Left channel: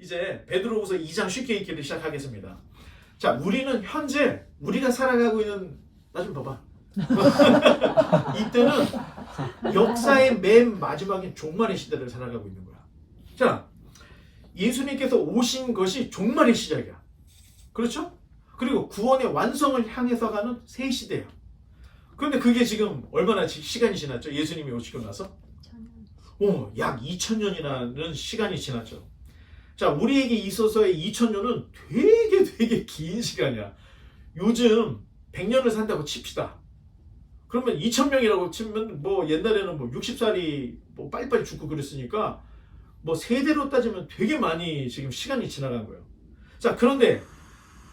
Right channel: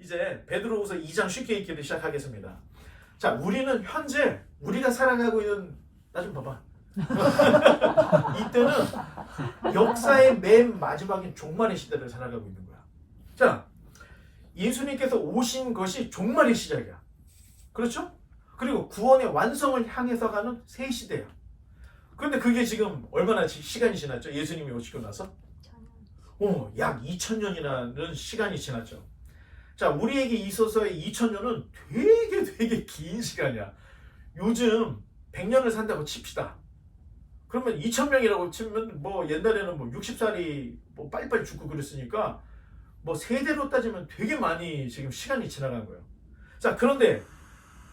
이제 베드로후서 2장 쉽게 읽기를 시작하겠습니다. 자, 우리는 현재 우리가 살아가고 있는, 나 좀 봐봐. 이때는 역사의 맨 마지막인 종말의 시대를 살아가고 있는 거야. 자, 예수님께서 오신 것이 종말의 시작이야. 그렇죠? 그리고 구원의 완성을 향해서 가는 새 시대야. 그런데 그게 지금 얼마나 시간이 지났죠? 예수님이 오시고 나서? 약 2000년이라는 시간이 지났죠. 자, 우리에게 있어서의 2000년은 되게 긴 시간이야. 요즘 100년을 산다고 칩시다. 그러면 2000명이라고 치면 뭐 옛날에는 뭐 60살이 뭐 빨리빨리 죽고 그랬으니까 뭐 세대로 따지면 되게 많이 지금 시간이 지나간 거예요. 자, 그런데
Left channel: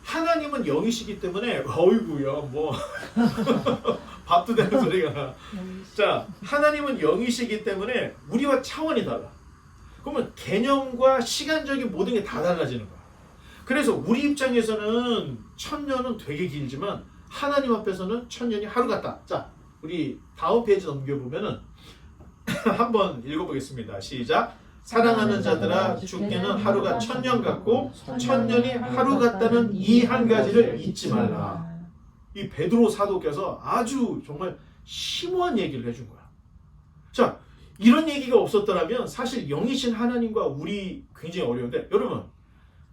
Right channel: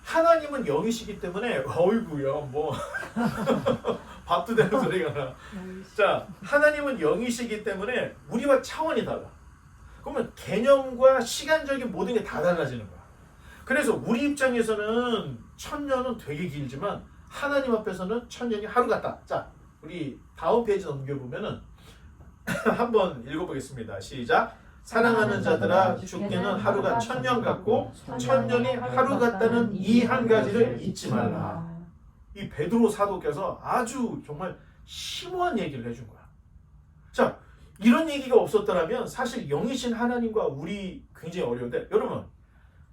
하나님은 영이시기 때문에 어이구야 뭐 밥도 되는 소리가 나. 자, 하나님은 영이시기 때문에 우리와 차원이 달라. 그러면 개념과 시간적인 모든 게 다 달라지는 거야. 그래서 우리 입장에서는 1000년은 되게 길지만 하나님 앞에서는 1000년이 하루 같다. 자, 우리 다음 페이지 넘겨보면은 한번 읽어보겠습니다. 시작. 사랑하는 자들아, 죽게는 하루가 1000년 같고 1000년이 하루 같다는 이 한 가지를 잊지 말라. 이 베드로 사도께서 아주 정말 심오한 얘기를 해준 거야. 자, 이런 얘기가 없었더라면 사실 영이신 하나님과 우리 굉장히 어려운데, 여러분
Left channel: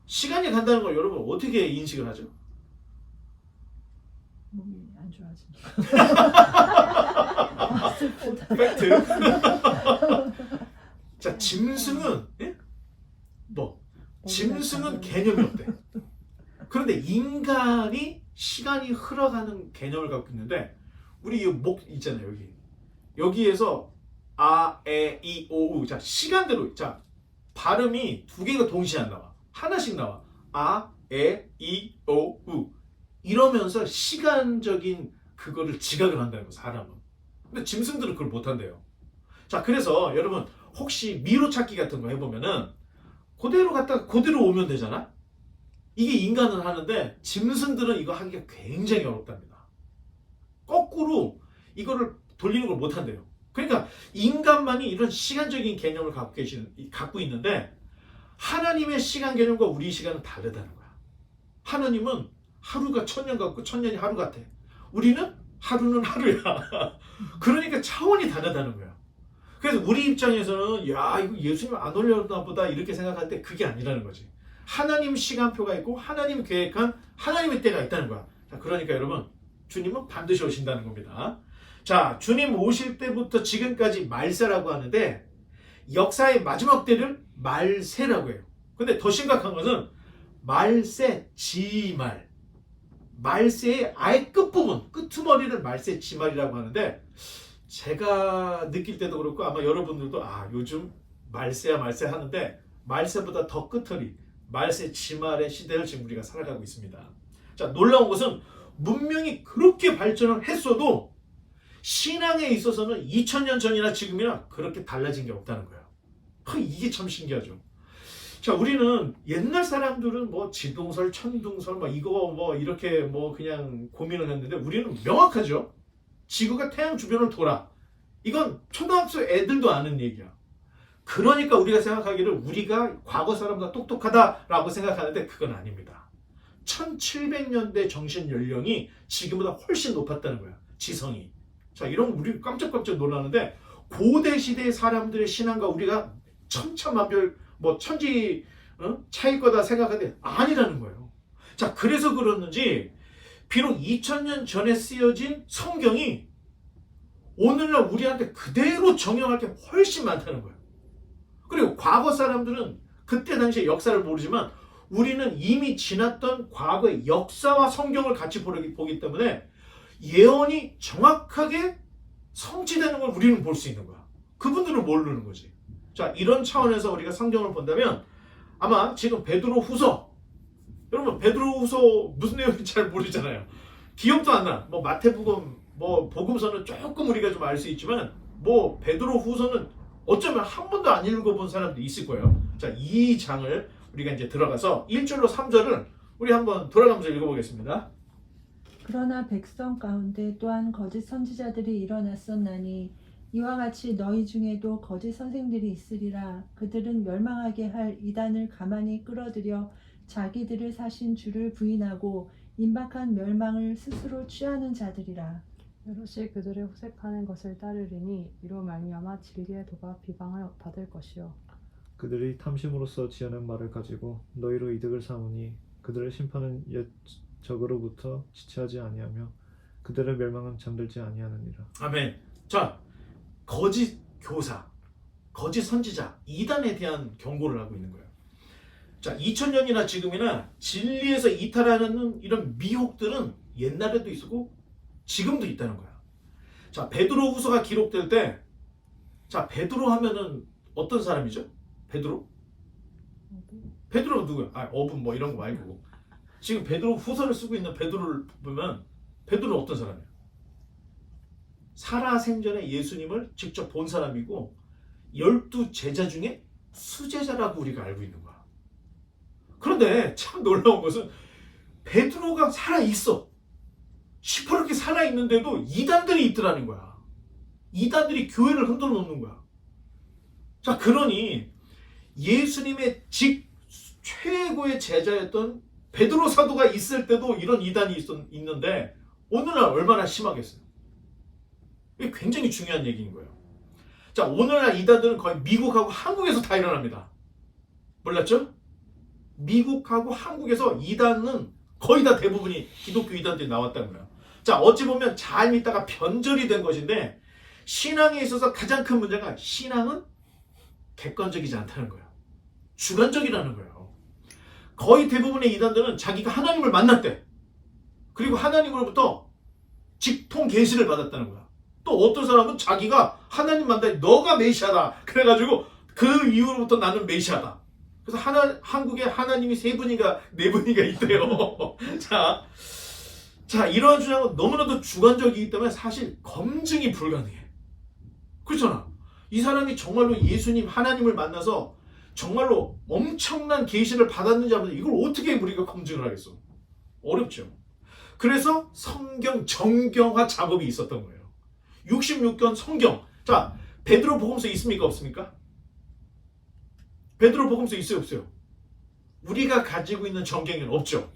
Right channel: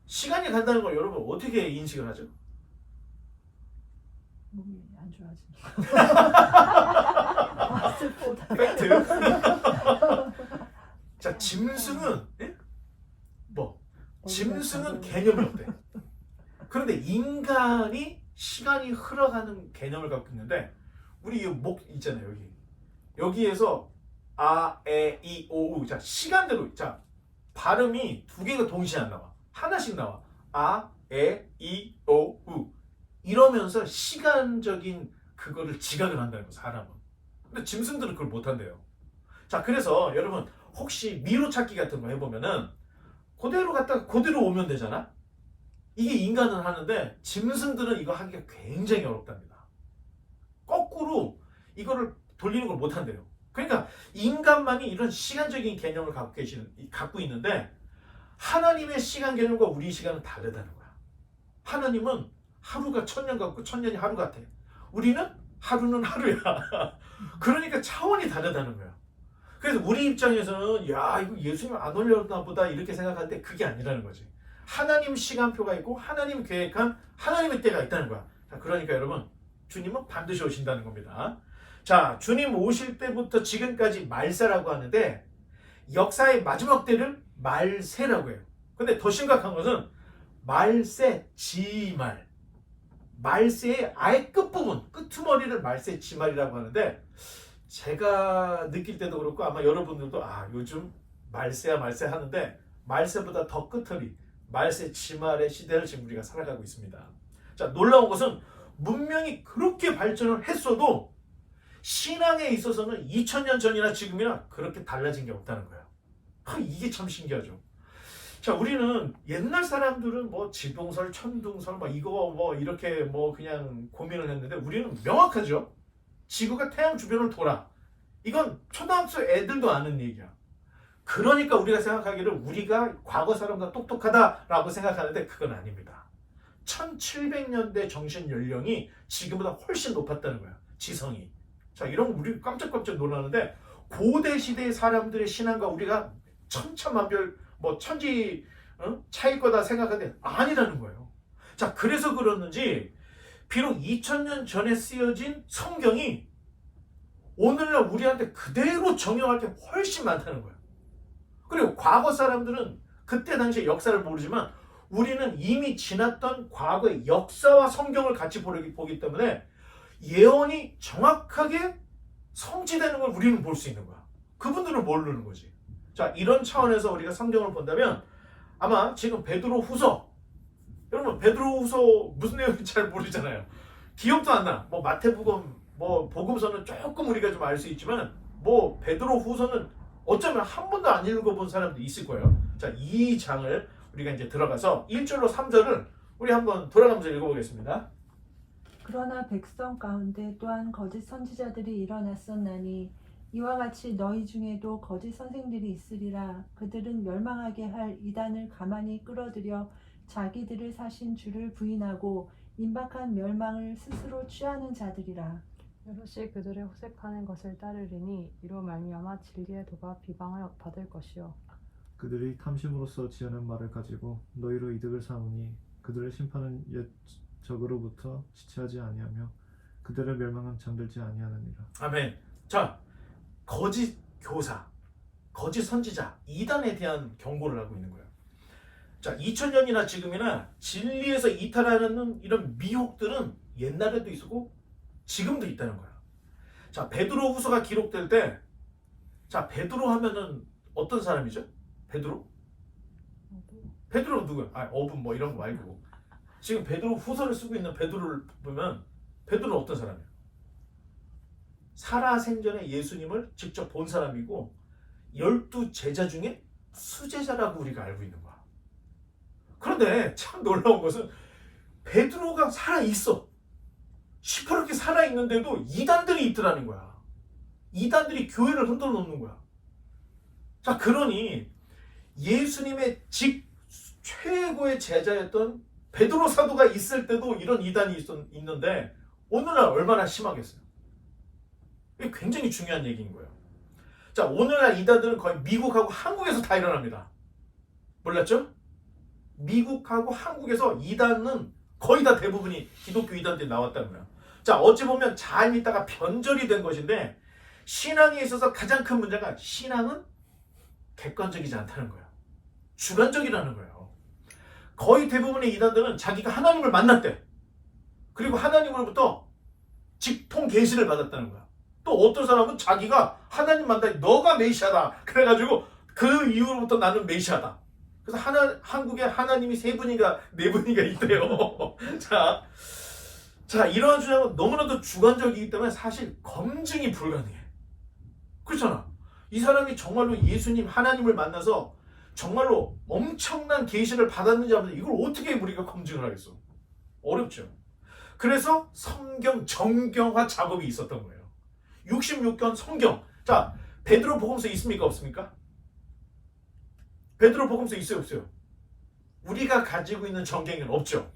시간이 간다는 걸 여러분 어떻게 인식을 하죠? 몸이 안 좋아지는 팩트. 자, 짐승은 짐승은 개념이 없대. 그런데 인간이 시간이 흘러가는 개념을 갖고 있는데, 우리 이 목 있잖아요. 여기에서 아, 에, 이, 오, 우. 자, 시간대로, 자, 발음이 두 개가 동시에 안 나와. 하나씩 나와. 아, 에, 이, 오, 우. 이러면서 시간적인 그거를 지각을 한다는 거, 사람은. 근데 짐승들은 그걸 못 한대요. 자, 그래서 여러분 혹시 미로 찾기 같은 거 해보면은 그대로 갔다가 그대로 오면 되잖아. 이게 인간은 하는데 짐승들은 이거 하기가 굉장히 어렵답니다. 거꾸로 이거를 돌리는 걸 못 한대요. 그러니까 인간만이 이런 시간적인 개념을 갖고 있는데, 하나님의 시간 개념과 우리 시간은 다르다는 거야. 하나님은 하루가 1000년 같고 1000년이 하루 같아. 우리는 하루는 하루야. 그러니까 차원이 다르다는 거야. 그래서 우리 입장에서는 야, 이거 예수님 안 올렸나 보다 이렇게 생각하는데 그게 아니라는 거지. 하나님 시간표가 있고 하나님 계획한 하나님의 때가 있다는 거야. 자, 그러니까 여러분, 주님은 반드시 오신다는 겁니다. 자, 주님 오실 때부터 지금까지 말세라고 하는데, 역사의 마지막 때를 말세라고 해요. 근데 더 심각한 것은 말세 지말, 말세의 아예 끝부분, 끄트머리를 말세 지말이라고 하는데, 제가 느낄 때도 그렇고 아마 여러분들도 요즘 말세야 말세 하는데, 말세보다 더 끝터리, 말세 지말의 시대를 지금 우리가 살아가고 있습니다. 자, 놀라운 것은 문명이 그렇게 발전을 했어도 신앙에 있어서는 2000년 전이나 지금이나 그렇게 달라진 게 없다는 거예요. 이게 참 신기하죠. 자, 우리는 옛날 사람들은 뭐 지동설, 천둥설, 이거 이렇게 그냥 고민을 했는데, 우리는 명확하죠. 지구가 태양 주변을 돌아. 이건 초등학생 애들도 아는 얘기야. 그러니까 우리가 생각하기를 우리가 과거 사람보다 똑똑하다라고 생각하는데 그건 아닙니다. 1700년대 정신 연령이 지금보다 훨씬 높았다는 거야. 지성이. 자, 이런 우리 깜짝깜짝 놀라는데, 고대 시대의 사람들의 신앙과 우리가 천차만별 천지 차일 거다 생각하는데 아니라는 거예요. 자, 그래서 그러는지 비록 2000년 전에 쓰여진 성경이 오늘날 우리한테 그대로 적용할 게 훨씬 많다는 거예요. 그리고 과거 사람들은 그때 당시의 역사를 모르지만 우리는 이미 지났던 과거의 역사와 성경을 같이 보기 때문에 예언이 정확하게 성취되는 걸 우리는 볼 수 있는 거야. 그분들은 모르는 거지. 자, 이런 차원에서 우리가 성경을 본다면 아마 지금 베드로후서, 여러분 베드로후서 무슨 내용인지 잘 모르잖아요. 기억도 안 나. 마태복음, 복음서는 조금 우리가 좀 알 수 있지만 베드로후서는 어쩌면 한 번도 안 읽어본 사람도 있을 거예요. 자, 이 장을 우리가 이제 들어가서 1절로 3절을 우리 한번 돌아가면서 읽어보겠습니다. 그러나 백성 가운데 또한 거짓 선지자들이 일어났었나니 이와 같이 너희 중에도 거짓 선생들이 있으리라. 그들은 멸망하게 할 이단을 가만히 끌어들여 자기들을 사신 주를 부인하고 임박한 멸망을 스스로 취하는 자들이라. 여럿이 그들의 호색하는 것을 따르리니 이로 말미암아 진리의 도가 비방을 받을 것이요 그들이 탐심으로써 지어낸 말을 가지고 너희로 이득을 삼으니 그들의 심판은 옛 적으로부터 지체하지 아니하며 그들의 멸망은 잠들지 아니하느니라. 아멘. 자, 거짓 교사, 거짓 선지자, 이단에 대한 경고를 하고 있는 거예요. 자, 2000년이나 지금이나 진리에서 이탈하는 이런 미혹들은 옛날에도 있었고 지금도 있다는 거야. 자, 베드로 후서가 기록될 때, 자, 베드로 하면은 어떤 사람이죠? 베드로? 베드로가 누구야? 아, 어분 뭐 이런 거 말고. 지금 베드로 후서를 쓰고 있는 베드로를 보면 베드로는 어떤 사람이야? 살아생전에 예수님을 직접 본 사람이고 12 제자 중에 수제자라고 우리가 알고 있는 거야. 그런데 참 놀라운 것은 베드로가 살아있어. 시퍼렇게 살아있는데도 이단들이 있더라는 거야. 이단들이 교회를 흔들어 놓는 거야. 자, 그러니 예수님의 최고의 제자였던 베드로 사도가 있을 때도 이런 이단이 있는데 오늘날 얼마나 심하겠어요. 이게 굉장히 중요한 얘기인 거예요. 자, 오늘날 이단들은 거의 미국하고 한국에서 다 일어납니다. 몰랐죠? 미국하고 한국에서 이단은 거의 다 대부분이 기독교 이단들이 나왔다는 거예요. 자, 어찌 보면 잘 믿다가 변절이 된 것인데 신앙에 있어서 가장 큰 문제가 신앙은 객관적이지 않다는 거예요. 주관적이라는 거예요. 거의 대부분의 이단들은 자기가 하나님을 만났대. 그리고 하나님으로부터 직통 계시를 받았다는 거야. 또 어떤 사람은 자기가 하나님 만나니 너가 메시아다. 그래가지고 그 이후로부터 나는 메시아다. 그래서 한국에 하나님이 3분인가 4분인가 있대요. 자, 이러한 주장은 너무나도 주관적이기 때문에 사실 검증이 불가능해. 그렇잖아. 이 사람이 정말로 예수님 하나님을 만나서 정말로 엄청난 계시를 받았는지 하면 이걸 어떻게 우리가 검증을 하겠어? 어렵죠. 그래서 성경 정경화 작업이 있었던 거예요. 66권 성경. 자, 베드로 복음서 있습니까? 없습니까? 베드로 복음서 있어요? 없어요? 우리가 가지고 있는 정경에는 없죠.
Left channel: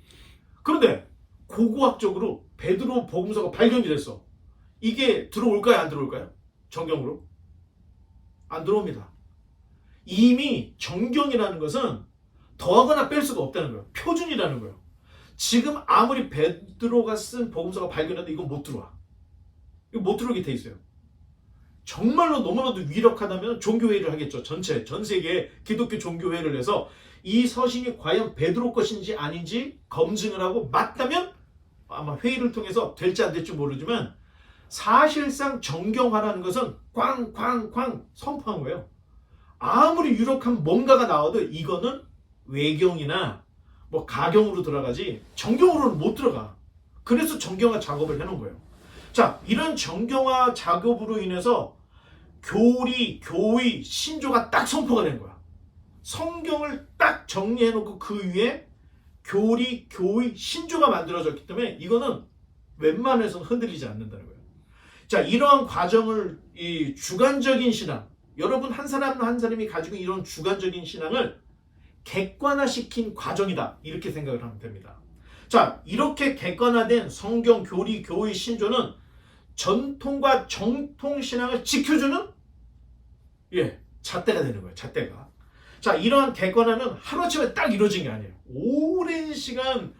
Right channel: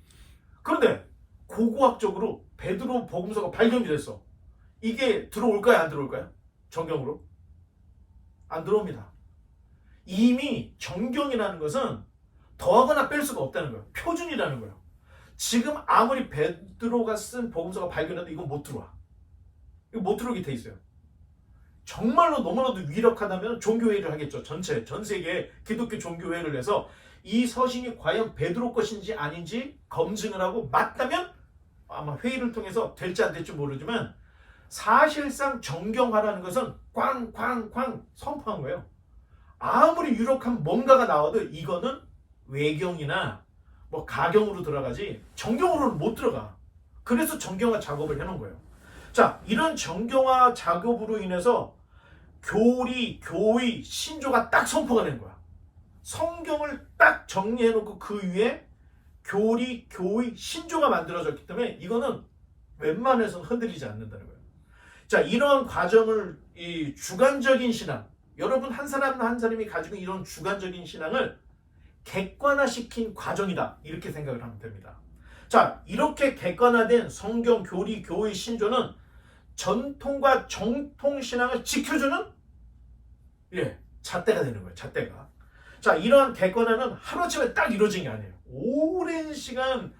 그런데 고고학적으로 베드로 복음서가 발견이 됐어. 이게 들어올까요? 안 들어올까요? 정경으로? 안 들어옵니다. 이미 정경이라는 것은 더하거나 뺄 수가 없다는 거예요. 표준이라는 거예요. 지금 아무리 베드로가 쓴 복음서가 발견해도 이건 못 들어와. 이거 못 들어오게 돼 있어요. 정말로 너무나도 위력하다면 종교회의를 하겠죠. 전 세계에 기독교 종교회의를 해서 이 서신이 과연 베드로 것인지 아닌지 검증을 하고 맞다면 아마 회의를 통해서 될지 안 될지 모르지만 사실상 정경화라는 것은 꽝꽝꽝 선포한 거예요. 아무리 유력한 뭔가가 나와도 이거는 외경이나 뭐 가경으로 들어가지 정경으로는 못 들어가. 그래서 정경화 작업을 해놓은 거예요. 자, 이런 정경화 작업으로 인해서 교리, 교의, 신조가 딱 선포가 된 거야. 성경을 딱 정리해놓고 그 위에 교리, 교의, 신조가 만들어졌기 때문에 이거는 웬만해서는 흔들리지 않는다는 거예요. 자, 이러한 과정을 이 주관적인 신앙, 여러분 한 사람 한 사람이 가지고 이런 주관적인 신앙을 객관화시킨 과정이다. 이렇게 생각을 하면 됩니다. 자, 이렇게 객관화된 성경, 교리, 교의, 신조는 전통과 정통 신앙을 지켜주는 잣대가 되는 거예요. 잣대가. 자, 이러한 객관화는 하루아침에 딱 이루어진 게 아니에요. 오랜 시간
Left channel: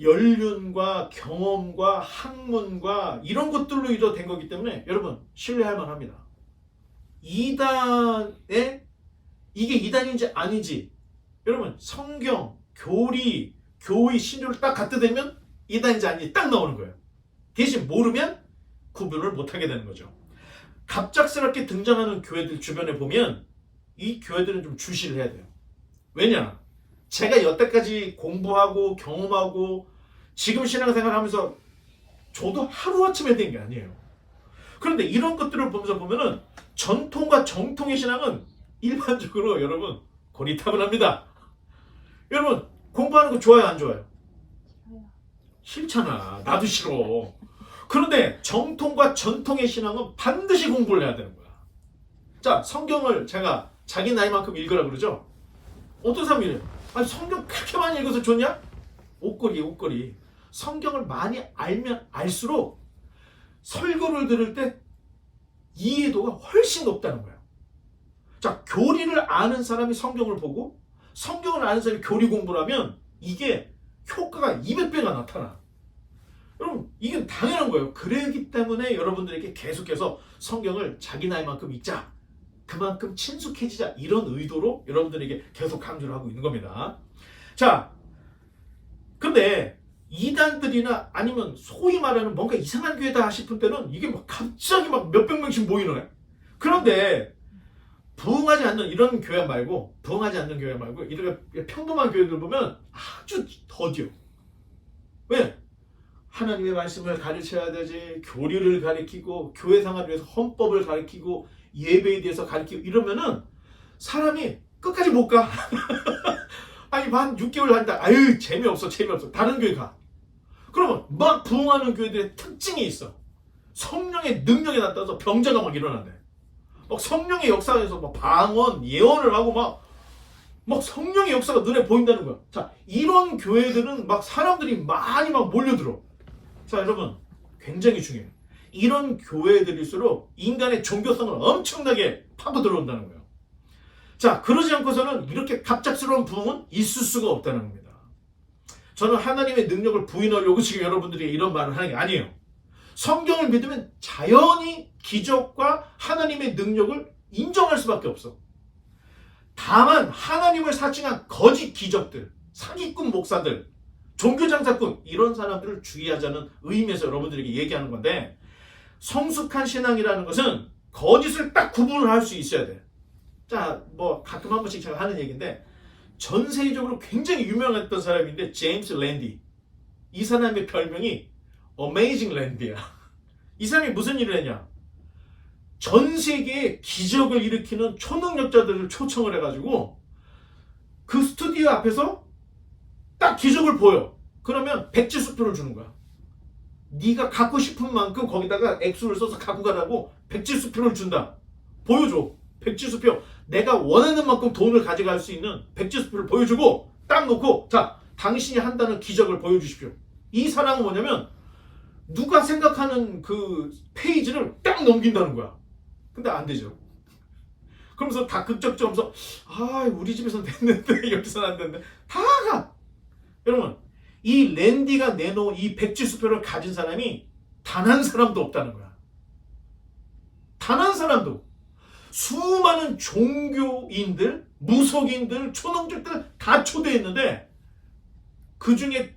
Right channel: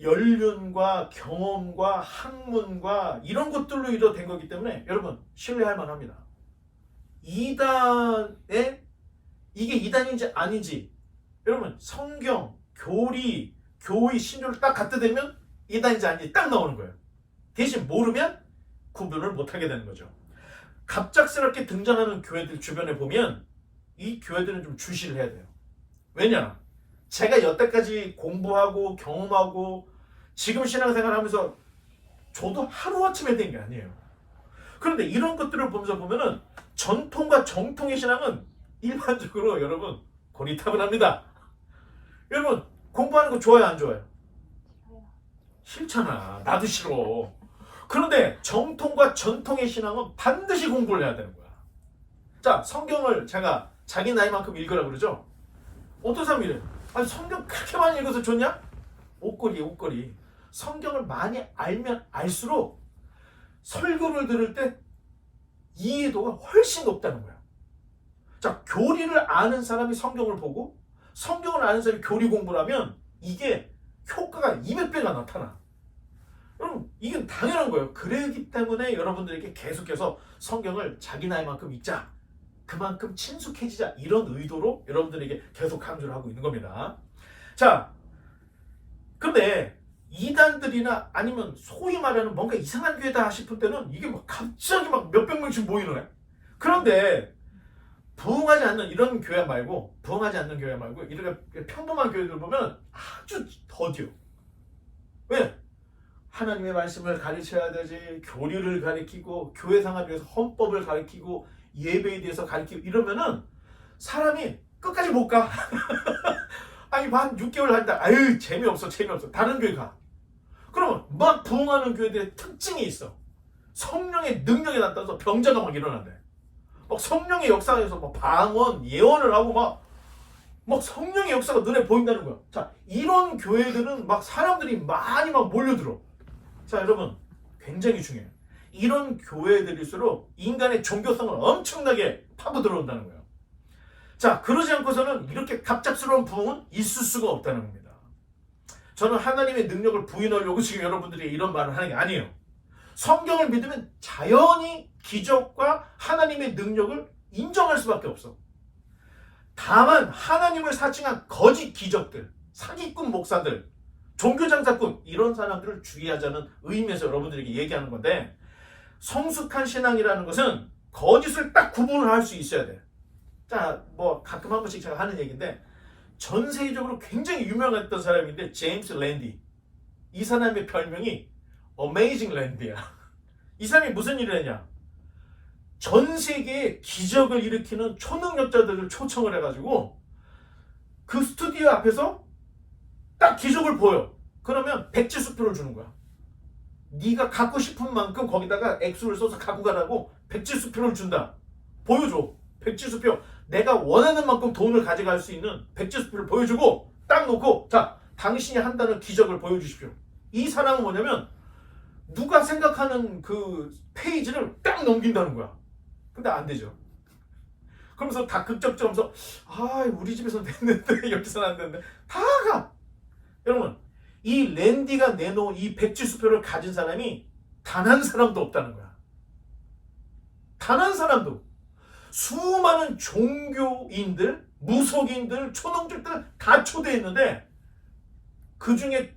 연륜과 경험과 학문과 이런 것들로 이루어진 거기 때문에 여러분 신뢰할 만합니다. 이단에 이게 이단인지 아닌지 여러분 성경, 교리, 교의, 신조를 딱 갖다 대면 이단인지 아닌지 딱 나오는 거예요. 대신 모르면 구분을 못하게 되는 거죠. 갑작스럽게 등장하는 교회들 주변에 보면 이 교회들은 좀 주시를 해야 돼요. 왜냐? 제가 여태까지 공부하고 경험하고 지금 신앙생활 하면서 저도 하루아침에 된 게 아니에요. 그런데 이런 것들을 보면서 보면은 전통과 정통의 신앙은 일반적으로 여러분 고리타분합니다. 여러분 공부하는 거 좋아요, 안 좋아요? 싫잖아. 나도 싫어. 그런데 정통과 전통의 신앙은 반드시 공부를 해야 되는 거야. 자, 성경을 제가 자기 나이만큼 읽으라 그러죠. 어떤 사람이 이래요. 아니 성경 그렇게 많이 읽어서 좋냐? 옷걸이. 성경을 많이 알면 알수록 설교를 들을 때 이해도가 훨씬 높다는 거예요. 자, 교리를 아는 사람이 성경을 보고 성경을 아는 사람이 교리 공부를 하면 이게 효과가 200배가 나타나. 여러분, 이게 당연한 거예요. 그러기 때문에 여러분들에게 계속해서 성경을 자기 나이만큼 읽자. 그만큼 친숙해지자. 이런 의도로 여러분들에게 계속 강조를 하고 있는 겁니다. 자, 근데 이단들이나 아니면 소위 말하는 뭔가 이상한 교회다 싶을 때는 이게 막 갑자기 막 몇백 명씩 모이는 거예요. 그런데 부흥하지 않는 이런 교회 말고 이렇게 평범한 교회들 보면 아주 더디요. 왜? 하나님의 말씀을 가르쳐야 되지, 교리를 가르치고 교회 생활을 위해서 헌법을 가르치고 예배에 대해서 가르치고 이러면은 사람이 끝까지 못 가. 아니 한 6개월 다니다 아유 재미없어. 다른 교회 가. 그러면 막 부흥하는 교회들의 특징이 있어. 성령의 능력이 나타나서 병자가 막 일어난대. 막 성령의 역사에서 막 방언, 예언을 하고 막 성령의 역사가 눈에 보인다는 거야. 자, 이런 교회들은 막 사람들이 많이 막 몰려들어. 자, 여러분, 굉장히 중요해요. 이런 교회들일수록 인간의 종교성을 엄청나게 파고 들어온다는 거예요. 자, 그러지 않고서는 이렇게 갑작스러운 부흥은 있을 수가 없다는 겁니다. 저는 하나님의 능력을 부인하려고 지금 여러분들이 이런 말을 하는 게 아니에요. 성경을 믿으면 자연히 기적과 하나님의 능력을 인정할 수밖에 없어. 다만 하나님을 사칭한 거짓 기적들, 사기꾼 목사들, 종교장사꾼 이런 사람들을 주의하자는 의미에서 여러분들에게 얘기하는 건데, 성숙한 신앙이라는 것은 거짓을 딱 구분을 할 수 있어야 돼. 자, 뭐 가끔 한 번씩 제가 하는 얘기인데, 전 세계적으로 굉장히 유명했던 사람인데 제임스 랜디. 이 사람의 별명이 어메이징 랜디야. 이 사람이 무슨 일을 했냐? 전 세계에 기적을 일으키는 초능력자들을 초청을 해가지고 그 스튜디오 앞에서 딱 기적을 보여. 그러면 백지수표를 주는 거야. 네가 갖고 싶은 만큼 거기다가 액수를 써서 갖고 가라고 백지수표를 준다. 보여줘. 백지수표. 내가 원하는 만큼 돈을 가져갈 수 있는 백지수표를 보여주고 딱 놓고, 자, 당신이 한다는 기적을 보여주십시오. 이 사람은 뭐냐면 누가 생각하는 그 페이지를 딱 넘긴다는 거야. 근데 안 되죠. 그러면서 다 극적점서 우리 집에서는 됐는데 여기서는 안 됐는데 다 가. 여러분, 이 랜디가 내놓은 이 백지수표를 가진 사람이 단 한 사람도 없다는 거야. 단 한 사람도. 수많은 종교인들, 무속인들, 초능력들 다 초대했는데 그 중에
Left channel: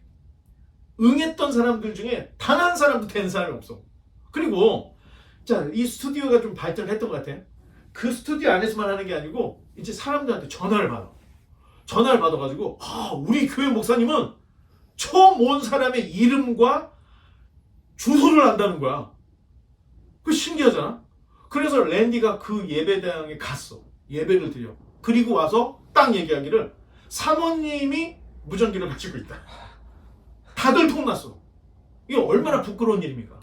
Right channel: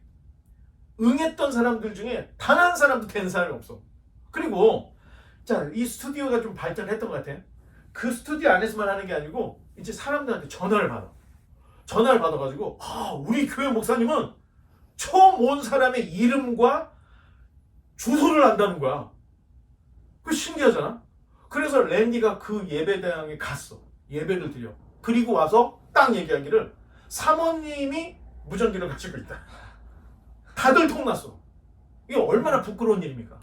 응했던 사람들 중에 단 한 사람도 된 사람이 없어. 그리고 자, 이 스튜디오가 좀 발전했던 것 같아. 그 스튜디오 안에서만 하는 게 아니고 이제 사람들한테 전화를 받아. 전화를 받아가지고 우리 교회 목사님은 처음 온 사람의 이름과 주소를 안다는 거야. 그거 신기하잖아. 그래서 랜디가 그 예배당에 갔어. 예배를 드려. 그리고 와서 딱 얘기하기를 사모님이 무전기를 가지고 있다. 다들 통났어. 이게 얼마나 부끄러운 일입니까?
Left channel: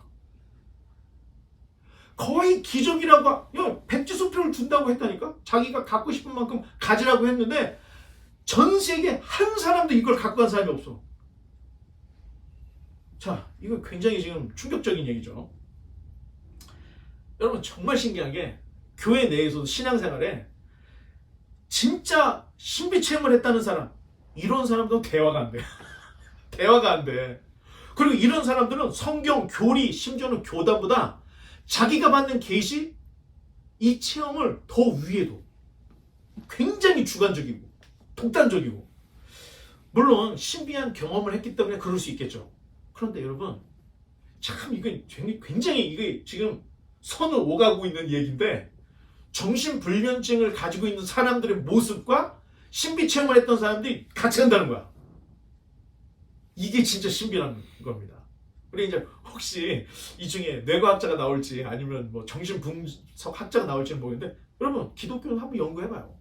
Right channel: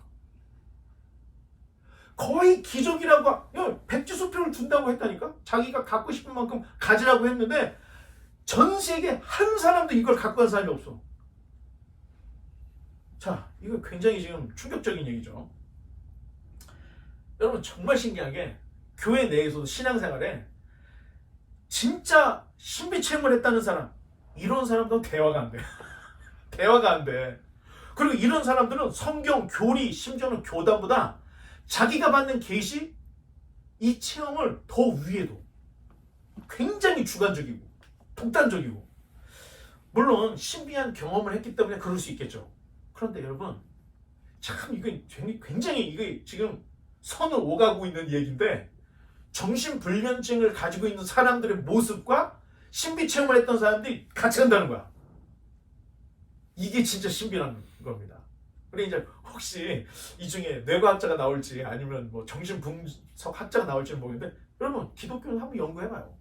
거의 기적이라고, 백지수표를 준다고 했다니까? 자기가 갖고 싶은 만큼 가지라고 했는데 전 세계 한 사람도 이걸 갖고 간 사람이 없어. 자, 이거 굉장히 지금 충격적인 얘기죠. 여러분, 정말 신기한 게 교회 내에서도 신앙생활에 진짜 신비 체험을 했다는 사람, 이런 사람도 대화가 안 돼. 대화가 안 돼. 그리고 이런 사람들은 성경, 교리, 심지어는 교단보다 자기가 받는 계시, 이 체험을 더 위에도 굉장히 주관적이고 독단적이고, 물론 신비한 경험을 했기 때문에 그럴 수 있겠죠. 그런데 여러분, 참 이게 굉장히 이게 지금 선을 오가고 있는 얘기인데, 정신불면증을 가지고 있는 사람들의 모습과 신비 체험을 했던 사람들이 같이 간다는 거야. 이게 진짜 신비라는 겁니다. 우리 이제 혹시 이 중에 뇌과학자가 나올지 아니면 뭐 정신분석학자가 나올지는 모르겠는데, 여러분 기독교를 한번 연구해봐요.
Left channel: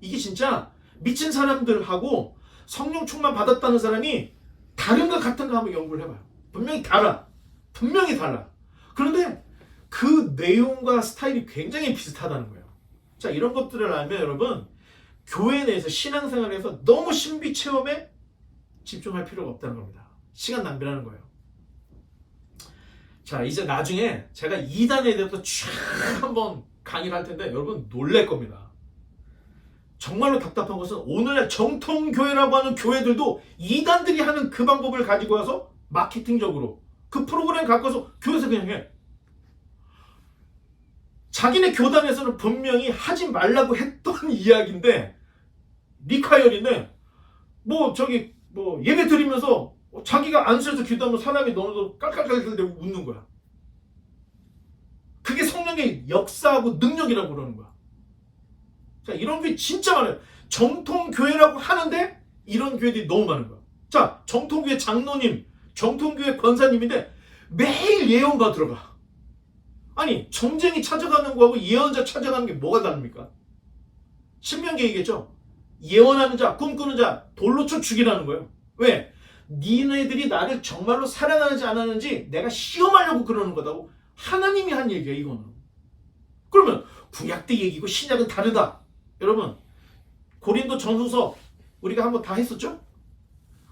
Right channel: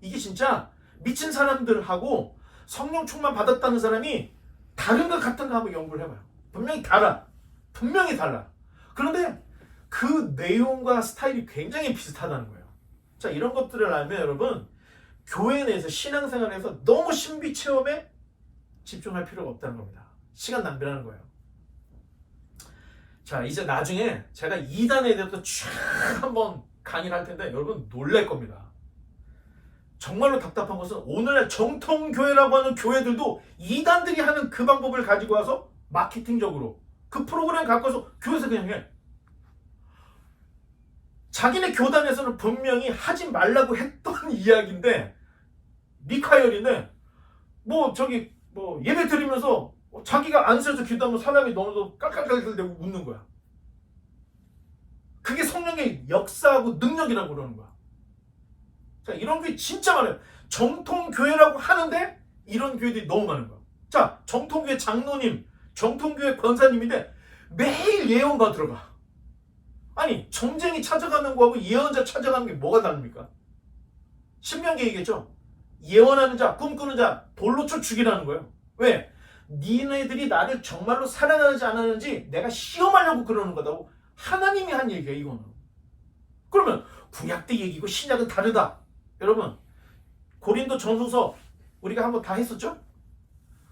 이게 진짜 미친 사람들하고 성령 충만 받았다는 사람이 다른가 같은가 한번 연구를 해봐요. 분명히 달라. 분명히 달라. 그런데 그 내용과 스타일이 굉장히 비슷하다는 거예요. 자, 이런 것들을 알면 여러분 교회 내에서 신앙생활에서 너무 신비 체험에 집중할 필요가 없다는 겁니다. 시간 낭비라는 거예요. 자, 이제 나중에 제가 2단에 대해서 쫙 한번 강의를 할 텐데 여러분 놀랄 겁니다. 정말로 답답한 것은 오늘날 정통교회라고 하는 교회들도 2단들이 하는 그 방법을 가지고 와서 마케팅적으로 그 프로그램 갖고 와서 교회에서 그냥 해. 자기네 교단에서는 분명히 하지 말라고 했던 이야기인데 리카열인데 뭐 저기 뭐 예배 드리면서 자기가 안수해서 기도하면 사람이 너무도 깔깔깔깔대고 웃는 거야. 그게 성령의 역사하고 능력이라고 그러는 거야. 자, 이런 게 진짜 많아요. 정통교회라고 하는데 이런 교회들이 너무 많은 거야. 자, 정통교회 장로님, 정통교회 권사님인데 매일 예언가 들어가. 아니, 전쟁이 찾아가는 거하고 예언자 찾아가는 게 뭐가 다릅니까? 신명기 얘기겠죠? 예언하는 자, 꿈꾸는 자 돌로 쳐 죽이라는 거예요. 왜? 니네들이 나를 정말로 사랑하는지 안 하는지 내가 시험하려고 그러는 거다고 하나님이 한 얘기야, 이거는. 그러면 구약 때 얘기고 신약은 다르다. 여러분, 고린도 전후서 우리가 한번 다 했었죠?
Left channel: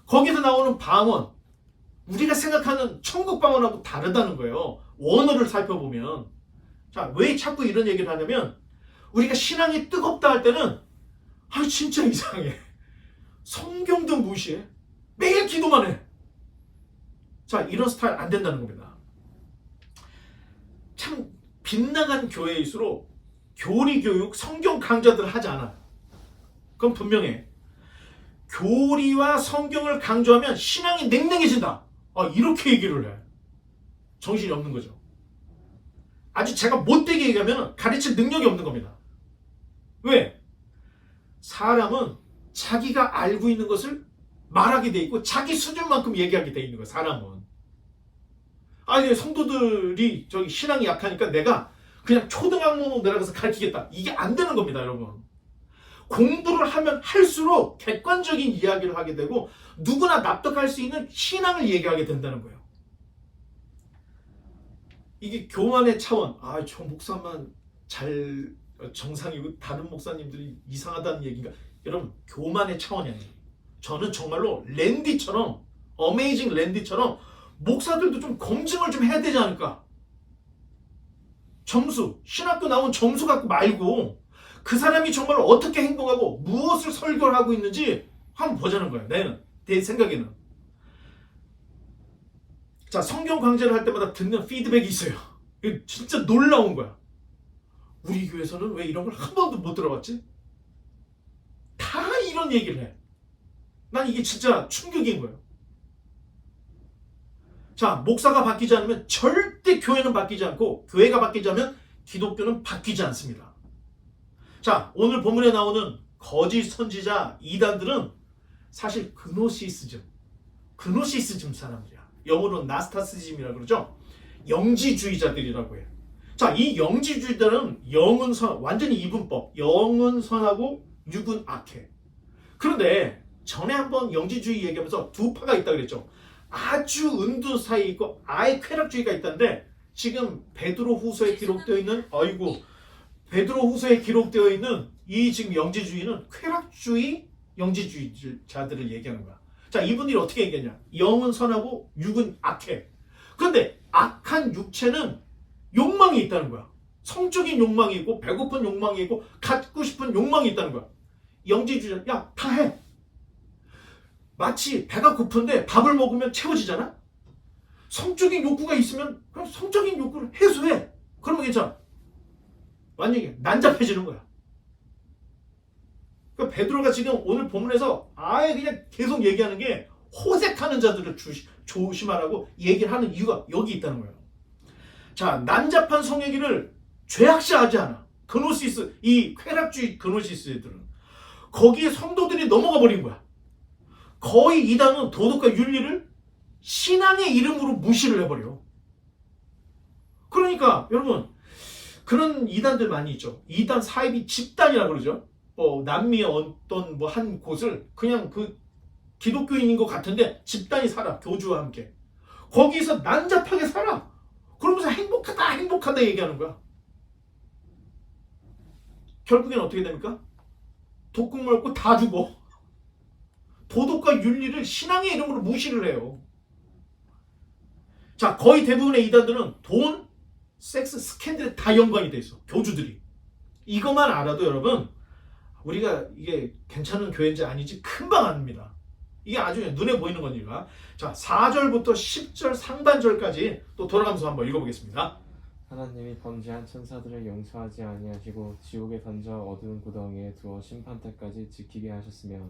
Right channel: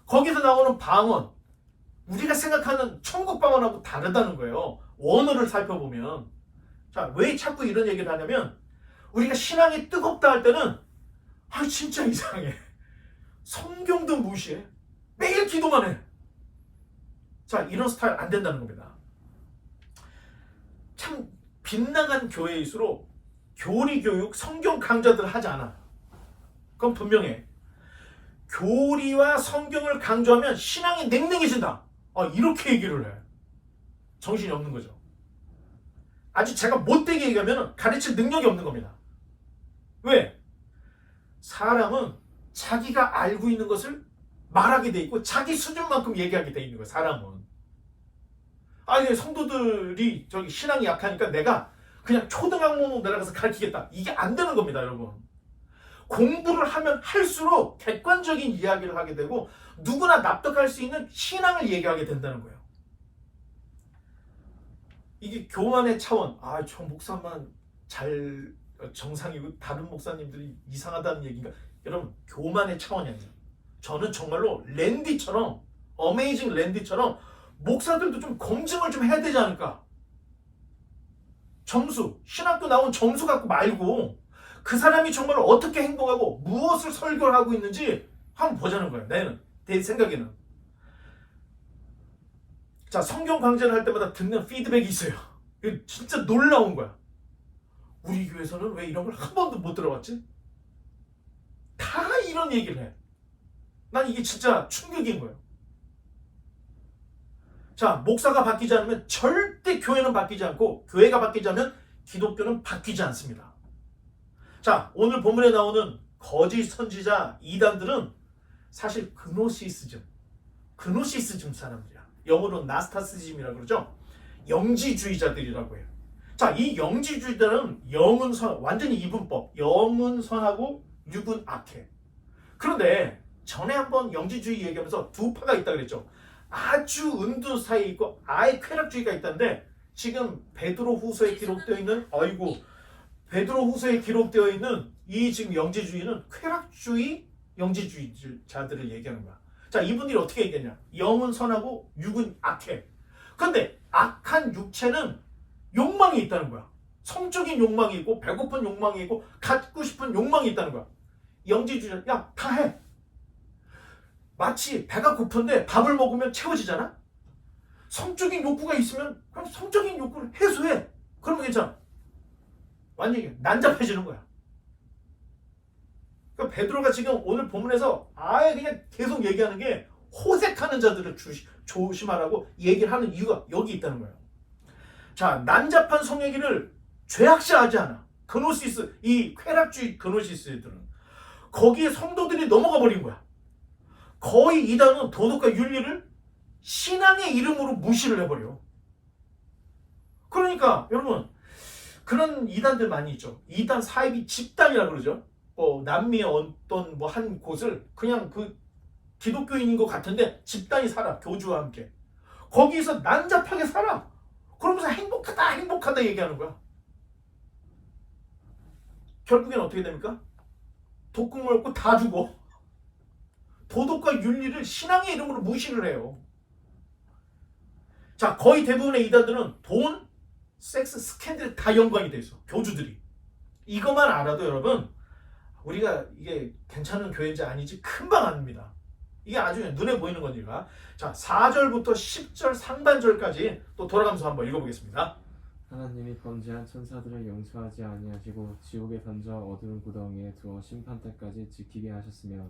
거기서 나오는 방언, 우리가 생각하는 천국 방언하고 다르다는 거예요. 원어를 살펴보면. 자, 왜 자꾸 이런 얘기를 하냐면 우리가 신앙이 뜨겁다 할 때는 아, 진짜 이상해. 성경도 무시해. 매일 기도만 해. 자, 이런 스타일 안 된다는 겁니다. 참 빗나간 교회일수록 교리교육, 성경 강좌들을 하지 않아. 그건 분명해. 교리와 성경을 강조하면 신앙이 냉랭해진다. 아, 이렇게 얘기를 해. 정신이 없는 거죠. 아주 제가 못되게 얘기하면 가르칠 능력이 없는 겁니다. 왜? 사람은 자기가 알고 있는 것을 말하게 돼 있고 자기 수준만큼 얘기하게 돼 있는 거야, 사람은. 아니, 성도들이 저기 신앙이 약하니까 내가 그냥 초등학문으로 내려가서 가르치겠다. 이게 안 되는 겁니다, 여러분. 공부를 하면 할수록 객관적인 이야기를 하게 되고 누구나 납득할 수 있는 신앙을 얘기하게 된다는 거예요. 이게 교만의 차원. 아, 저 목사만 잘 정상이고 다른 목사님들이 이상하다는 얘기인가? 여러분, 교만의 차원이 아니에요. 저는 정말로 랜디처럼, 어메이징 랜디처럼 목사들도 좀 검증을 좀 해야 되지 않을까? 점수, 신학교 나온 점수 갖고 말고 그 사람이 정말 어떻게 행동하고 무엇을 설교를 하고 있는지 한번 보자는 거예요. 내 생각에는. 자, 성경 강좌를 할 때마다 듣는 피드백이 있어요. 이거 진짜 놀라운 거야. 우리 교회에서는 왜 이런 걸 한 번도 못 들어봤지? 다 이런 얘기를 해. 난 이게 진짜 충격인 거예요. 자, 목사가 바뀌지 않으면 절대 교회는 바뀌지 않고 교회가 바뀌지 않으면 기독교는 바뀌지 않습니다. 자, 오늘 본문에 나오는 거짓 선지자 이단들은 사실 그노시스즘 사람들이야. 영어로 나스타시즘이라고 그러죠. 영지주의자들이라고 해요. 자, 이 영지주의자들은 영은 선, 완전히 이분법, 영은 선하고 육은 악해. 그런데 전에 한번 영지주의 얘기하면서 두 파가 있다고 그랬죠. 아주 은둔 사이에 있고 아예 쾌락주의가 있다는데 지금 베드로 후서에 기록되어 있는 이 지금 영지주의는 쾌락주의 영지주의자들을 얘기하는 거야. 자, 이분들이 어떻게 얘기하냐? 영은 선하고 육은 악해. 그런데 악한 육체는 욕망이 있다는 거야. 성적인 욕망이 있고 배고픈 욕망이 있고 갖고 싶은 욕망이 있다는 거야. 영지주의자, 야, 다 해. 마치 배가 고픈데 밥을 먹으면 채워지잖아? 성적인 욕구가 있으면 그럼 성적인 욕구를 해소해. 그러면 괜찮아. 완전히 난잡해지는 거야. 그러니까 베드로가 지금 오늘 본문에서 아예 그냥 계속 얘기하는 게 호색하는 자들을 조심하라고 얘기를 하는 이유가 여기 있다는 거예요. 자, 난잡한 성애기를 죄악시하지 않아. 그노시스, 이 쾌락주의 그노시스들은 거기에 성도들이 넘어가 버린 거야. 거의 이단은 도덕과 윤리를 신앙의 이름으로 무시를 해버려. 그러니까 여러분, 그런 이단들 많이 있죠. 이단 사이비 집단이라고 그러죠. 남미의 어떤 뭐 한 곳을 그냥 그 기독교인인 것 같은데 집단이 살아. 교주와 함께. 거기서 난잡하게 살아. 그러면서 행복하다 얘기하는 거야. 결국엔 어떻게 됩니까? 독국 먹고 다 죽어. 도덕과 윤리를 신앙의 이름으로 무시를 해요. 자, 거의 대부분의 이단들은 돈, 섹스, 스캔들에 다 연관이 돼 있어. 교주들이. 이것만 알아도 여러분, 우리가 이게 괜찮은 교회인지 아닌지 금방 압니다. 이게 아주 눈에 보이는 거니까. 자, 4절부터 10절 상반절까지 또 돌아가면서 한번 읽어보겠습니다. 하나님이 번제한 천사들을 용서하지 아니하시고 지옥에 던져 어두운 구덩이에 두어 심판 때까지 지키게 하셨으며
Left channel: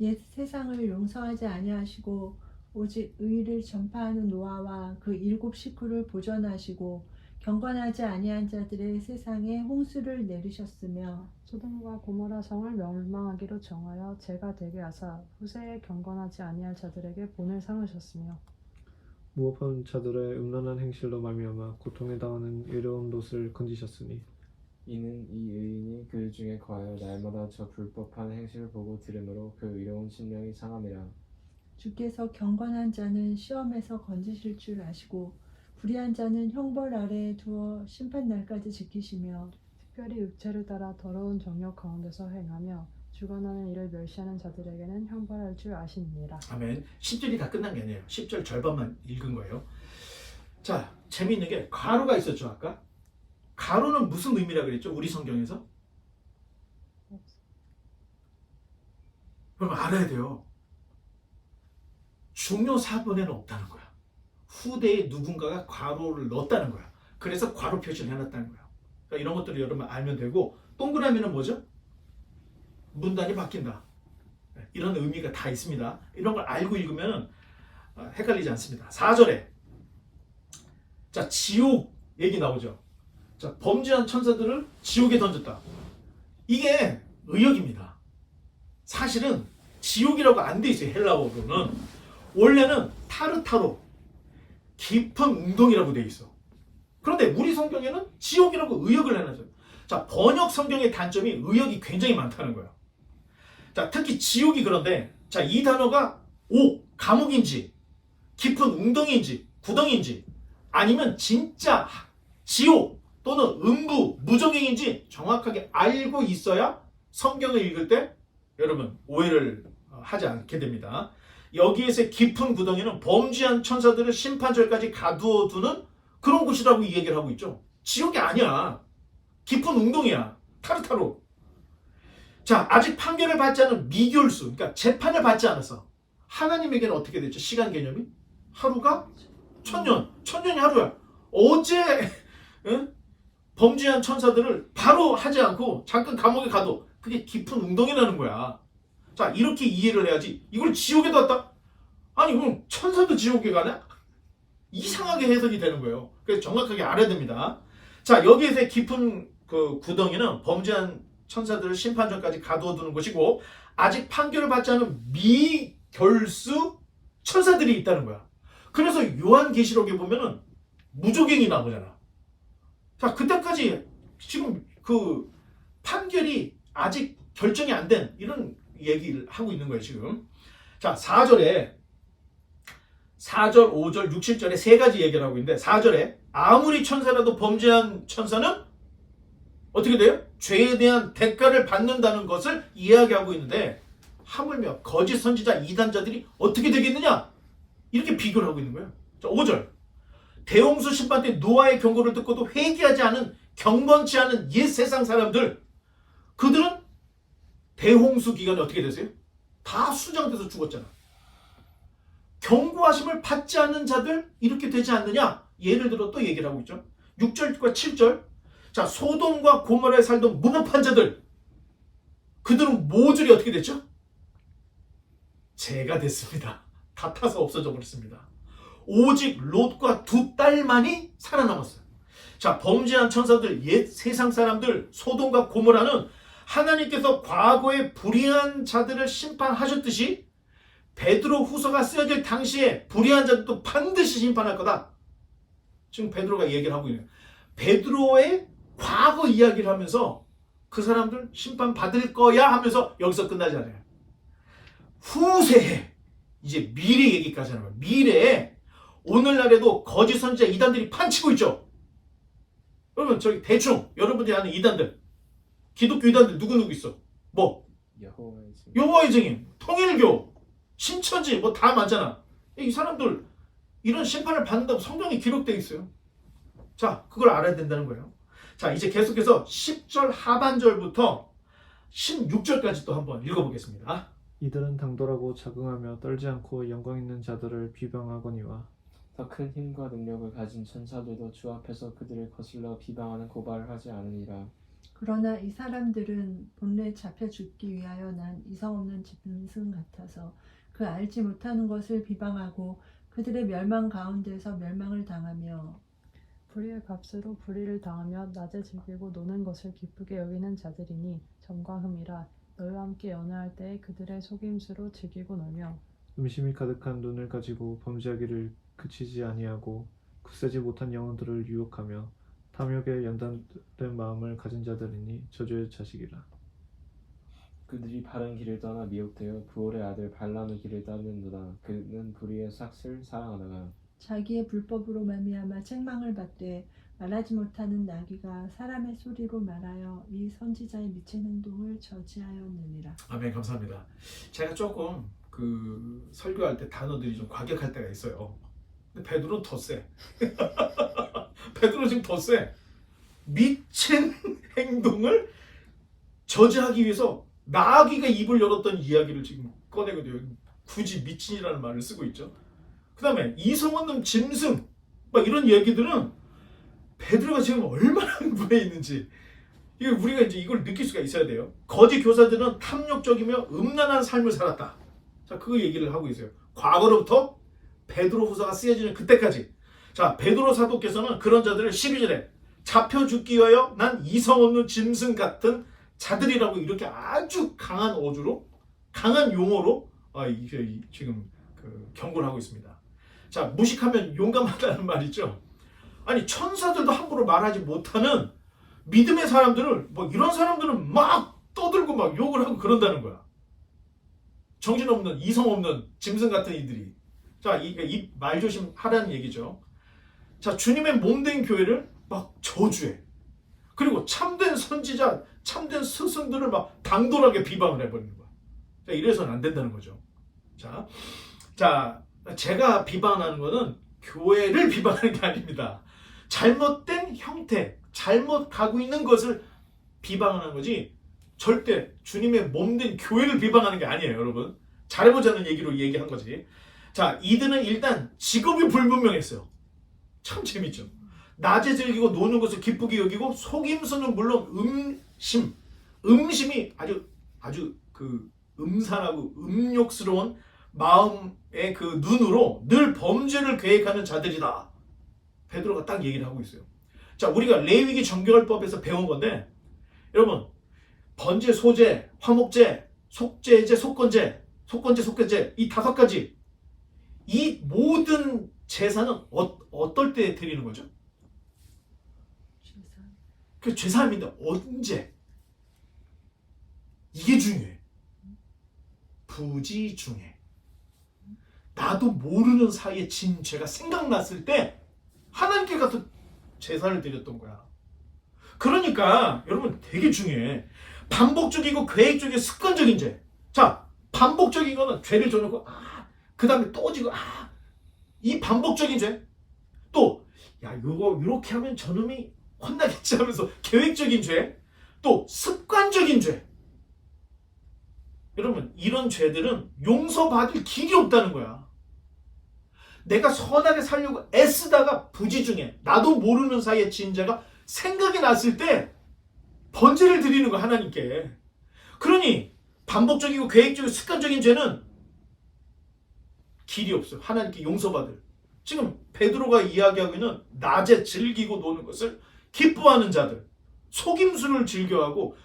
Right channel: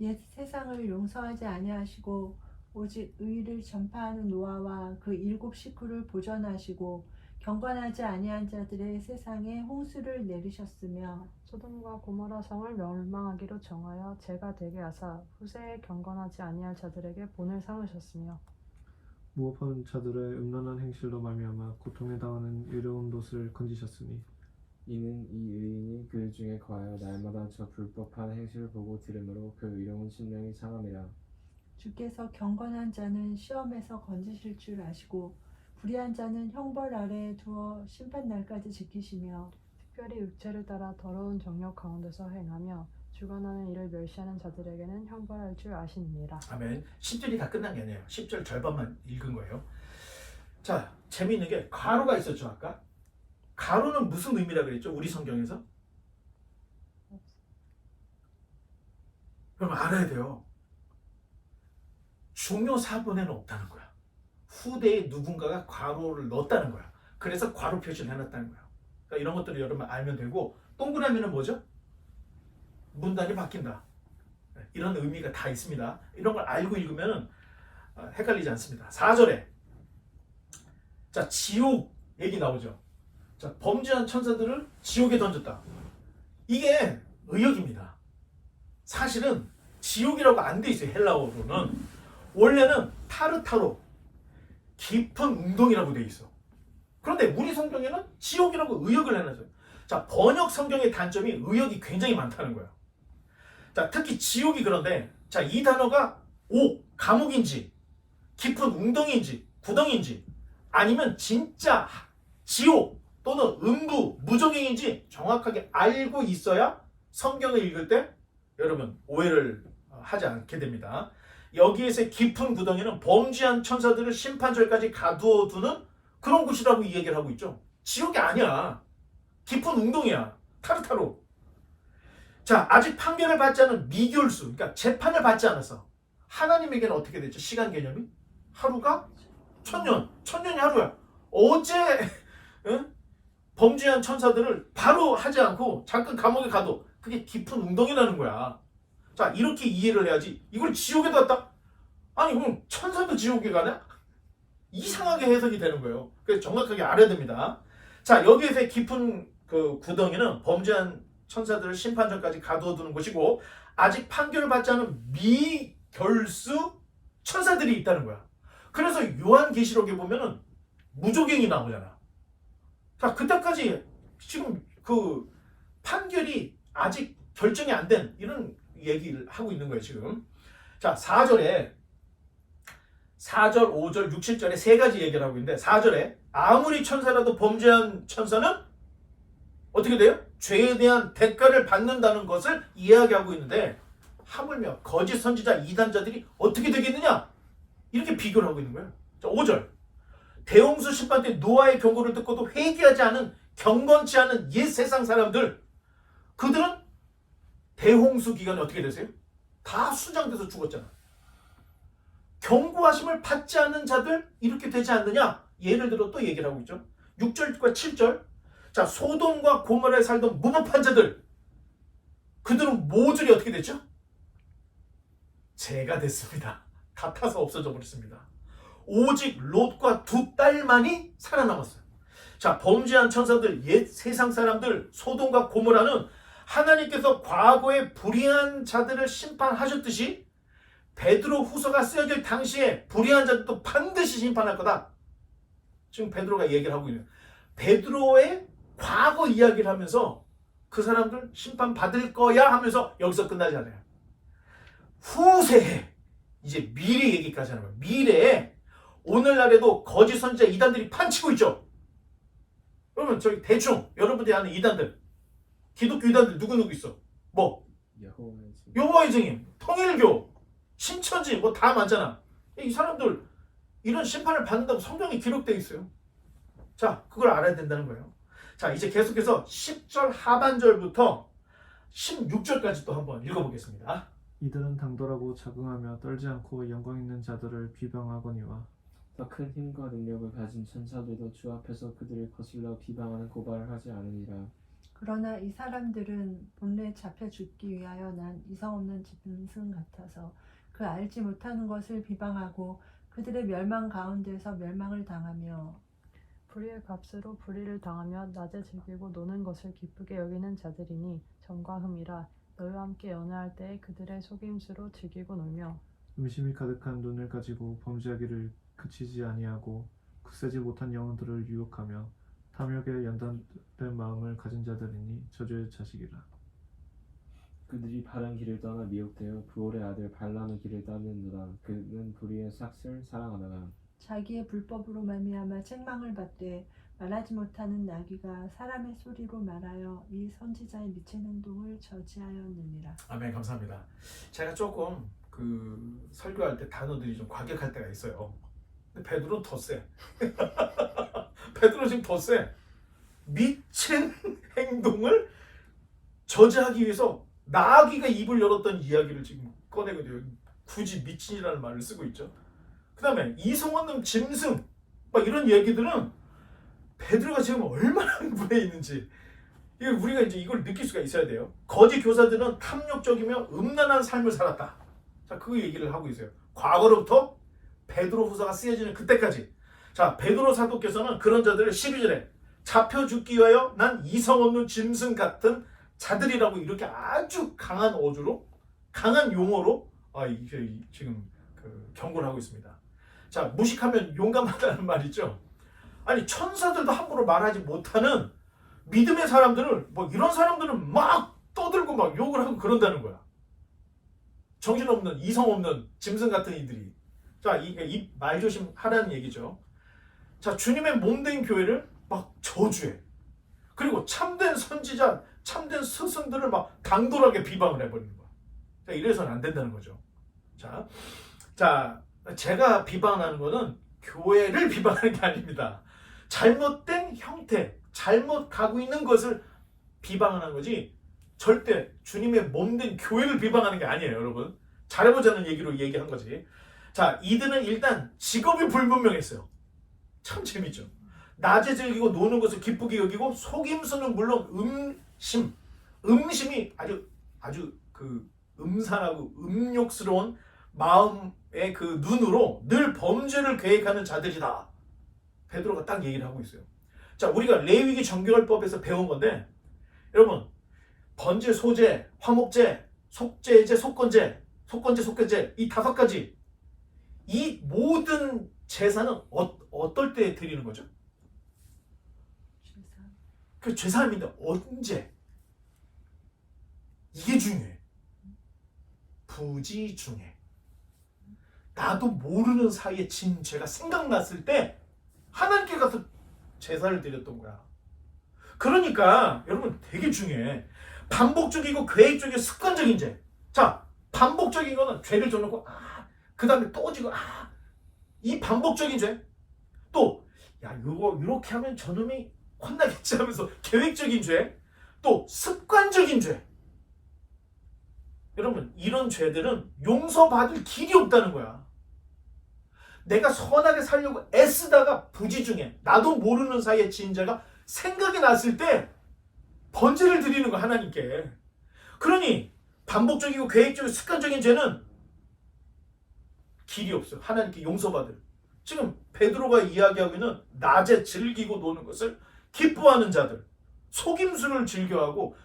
옛 세상을 용서하지 아니하시고 오직 의를 전파하는 노아와 그 7 식구를 보존하시고 경건하지 아니한 자들의 세상에 홍수를 내리셨으며 소돔과 고모라 성을 멸망하기로 정하여 죄가 되게 하사 후세에 경건하지 아니할 자들에게 본을 삼으셨으며 무업한 자들의 음란한 행실로 말미암아 고통에 당하는 의로운 롯을 건지셨으니 이는 이 의인이 그 중에 거하여 날마다 저 불법한 행실을 보고 들으므로 그 의로운 심령이 상함이라. 주께서 경건한 자는 시험에서 건지실 줄 아시고 불의한 자는 형벌 아래에 두어 심판날까지 지키시며 특별히 육체를 따라 더러운 정욕 가운데서 행하며 주관하는 일을 멸시하는 자들에게는 형벌할 줄 아시느니라. 아멘. 10절이 다 끝난 게 아니에요. 10절 절반만 읽은 거예요. 자, 재미있는 게 가로가 있었죠, 아까. 가로는 무슨 의미라 그랬죠? 우리 성경에서? 그럼 알아야 돼요. 중요 사본에는 없다는 거야. 후대에 누군가가 괄호를 넣었다는 거야. 그래서 괄호 표시를 해놨다는 거야. 그러니까 이런 것들을 여러분 알면 되고, 동그라미는 뭐죠? 문단이 바뀐다. 이런 의미가 다 있습니다. 이런 걸 알고 읽으면 헷갈리지 않습니다. 4절에 자, 지옥 얘기 나오죠. 자, 범죄한 천사들을 지옥에 던졌다. 이게 의역입니다. 사실은 지옥이라고 안 돼 있어요. 헬라어로는. 원래는 타르타로, 깊은 웅덩이라고 돼 있어. 그런데 우리 성경에는 지옥이라고 의역을 해놨어요. 자, 번역 성경의 단점이 의역이 굉장히 많다는 거예요. 자, 특히 지옥이 그런데, 자, 이 단어가 감옥인지, 깊은 웅덩이인지, 구덩이인지, 아니면 진짜 지옥 또는 음부, 무적행인지 정확하게 알고 있어야 성경을 읽을 때 여러분 오해를 하지 않게 됩니다. 여기에서의 깊은 구덩이는 범죄한 천사들을 심판절까지 가두어 두는 그런 곳이라고 이 얘기를 하고 있죠. 지옥이 아니야. 깊은 웅덩이야. 타르타로. 자, 아직 판결을 받지 않은 미결수, 그러니까 재판을 받지 않았어. 하나님에게는 어떻게 됐죠? 시간 개념이? 하루가 1000년, 1000년이 하루야. 어제 범죄한 천사들을 바로 하지 않고 잠깐 감옥에 가도 그게 깊은 웅덩이라는 거야. 자, 이렇게 이해를 해야지. 이걸 지옥에 뒀다? 아니, 그럼 천사도 지옥에 가냐? 이상하게 해석이 되는 거예요. 그래서 정확하게 알아야 됩니다. 자, 여기에서의 깊은 그 구덩이는 범죄한 천사들을 심판전까지 가두어 두는 곳이고, 아직 판결을 받지 않은 미결수 천사들이 있다는 거야. 그래서 요한계시록에 보면은 무조갱이 나오잖아. 자, 그때까지 지금 그 판결이 아직 결정이 안 된 이런 얘기를 하고 있는 거예요, 지금. 자, 4절, 5절, 6, 7절에 세 가지 얘기를 하고 있는데, 4절에 아무리 천사라도 범죄한 천사는 어떻게 돼요? 죄에 대한 대가를 받는다는 것을 이야기하고 있는데, 하물며 거짓 선지자 이단자들이 어떻게 되겠느냐? 이렇게 비교를 하고 있는 거예요. 자, 5절. 대홍수 심판 때 노아의 경고를 듣고도 회개하지 않은, 경건치 않은 옛 세상 사람들, 그들은 대홍수 기간에 어떻게 되세요? 다 수장돼서 죽었잖아. 경고하심을 받지 않는 자들 이렇게 되지 않느냐? 예를 들어 또 얘기를 하고 있죠. 6절과 7절. 자, 소돔과 고모라에 살던 무법한 자들, 그들은 모조리 어떻게 됐죠? 죄가 됐습니다. 다 타서 없어져 버렸습니다. 오직 롯과 2 딸만이 살아남았어요. 자, 범죄한 천사들, 옛 세상 사람들, 소돔과 고모라는 하나님께서 과거에 불의한 자들을 심판하셨듯이 베드로 후서가 쓰여질 당시에 불의한 자들도 반드시 심판할 거다. 지금 베드로가 얘기를 하고 있는, 베드로의 과거 이야기를 하면서 그 사람들 심판 받을 거야 하면서 여기서 끝나지 않아요. 후세에 이제 미래 얘기까지 하는 거예요. 미래에 오늘날에도 거짓 선지자 이단들이 판치고 있죠. 여러분, 저기 대충 여러분들이 아는 이단들, 기독교 이단들 누구 있어? 뭐 여호와의 증인. 여호와의 증인, 통일교, 신천지 뭐 다 많잖아. 이 사람들 이런 심판을 받는다고 성경에 기록되어 있어요. 자, 그걸 알아야 된다는 거예요. 자, 이제 계속해서 10절 하반절부터 16절까지 또 한번 읽어보겠습니다. 이들은 당돌하고 자긍하며 떨지 않고 영광 있는 자들을 비방하거니와 더 큰 힘과 능력을 가진 천사들도 주 앞에서 그들을 거슬러 비방하는 고발을 하지 않으니라. 그러나 이 사람들은 본래 잡혀 죽기 위하여 난 이성 없는 짐승 같아서 그 알지 못하는 것을 비방하고 그들의 멸망 가운데서 멸망을 당하며 불의의 값으로 불의를 당하며 낮에 즐기고 노는 것을 기쁘게 여기는 자들이니 점과 흠이라. 너희와 함께 연회할 때에 그들의 속임수로 즐기고 놀며 음심이 가득한 눈을 가지고 범죄하기를 그치지 아니하고 굳세지 못한 영혼들을 유혹하며 탐욕에 연단된 마음을 가진 자들이니 저주의 자식이라. 그들이 바른 길을 떠나 미혹되어 부올의 아들 발람의 길을 따르는도다. 그는 불의의 삭슬 사랑하다가 자기의 불법으로 말미암아 책망을 받되 말하지 못하는 나귀가 사람의 소리로 말하여 이 선지자의 미친 행동을 저지하였느니라. 아멘. 감사합니다. 제가 조금 그 설교할 때 단어들이 좀 과격할 때가 있어요. 근데 베드로는 더 세. 베드로 지금 더 세. 미친 행동을 저지하기 위해서 나귀가 입을 열었던 이야기를 지금 꺼내거든요. 굳이 미친이라는 말을 쓰고 있죠. 그 다음에 이성 없는 짐승 막 이런 얘기들은 베드로가 지금 얼마나 흥분해 있는지 이게 우리가 이제 이걸 느낄 수가 있어야 돼요. 거짓 교사들은 탐욕적이며 음란한 삶을 살았다. 자, 그 얘기를 하고 있어요. 과거로부터 베드로 후서가 쓰여지는 그때까지. 자, 베드로 사도께서는 그런 자들을 12절에 잡혀 죽기 위하여 난 이성 없는 짐승 같은 자들이라고 이렇게 아주 강한 어조로 강한 용어로 지금 경고를 하고 있습니다. 자, 무식하면 용감하다는 말 있죠. 아니, 천사들도 함부로 말하지 못하는 믿음의 사람들을 뭐 이런 사람들은 막 떠들고 막 욕을 하고 그런다는 거야. 정신없는 이성 없는 짐승 같은 이들이. 자, 이 말조심 하라는 얘기죠. 자, 주님의 몸된 교회를 막 저주해. 그리고 참된 선지자, 참된 스승들을 막 당돌하게 비방을 해버리는 거야. 자, 이래서는 안 된다는 거죠. 자, 제가 비방하는 거는 교회를 비방하는 게 아닙니다. 잘못된 형태, 잘못 가고 있는 것을 비방하는 거지 절대 주님의 몸된 교회를 비방하는 게 아니에요, 여러분. 잘해보자는 얘기로 얘기한 거지. 자, 이들은 일단 직업이 불분명했어요. 참 재밌죠. 낮에 즐기고 노는 것을 기쁘게 여기고 속임수는 물론 음심이 아주 그 음산하고 음욕스러운 마음의 그 눈으로 늘 범죄를 계획하는 자들이다. 베드로가 딱 얘기를 하고 있어요. 자, 우리가 레위기 정결법에서 배운 건데 여러분, 번제, 소제, 화목제, 속죄제, 속건제 이 5가지 이 모든 제사는 어떨 때 드리는 거죠? 그 제사입니다. 언제? 이게 중요해. 부지중에. 나도 모르는 사이에 진 죄가 생각났을 때 하나님께 가서 제사를 드렸던 거야. 그러니까 여러분 되게 중요해. 반복적이고 계획적이고 습관적인 죄. 자, 반복적인 거는 죄를 져놓고 그 다음에 또 지고 이 반복적인 죄. 또 야, 이거 이렇게 하면 저놈이 혼나겠지 하면서 계획적인 죄. 또 습관적인 죄. 여러분, 이런 죄들은 용서받을 길이 없다는 거야. 내가 선하게 살려고 애쓰다가 부지중에 나도 모르는 사이에 진 죄가 생각이 났을 때 번제를 드리는 거야, 하나님께. 그러니 반복적이고 계획적이고 습관적인 죄는 길이 없어요. 하나님께 용서받을. 지금 베드로가 이야기하고 있는 낮에 즐기고 노는 것을 기뻐하는 자들, 속임수를 즐겨하고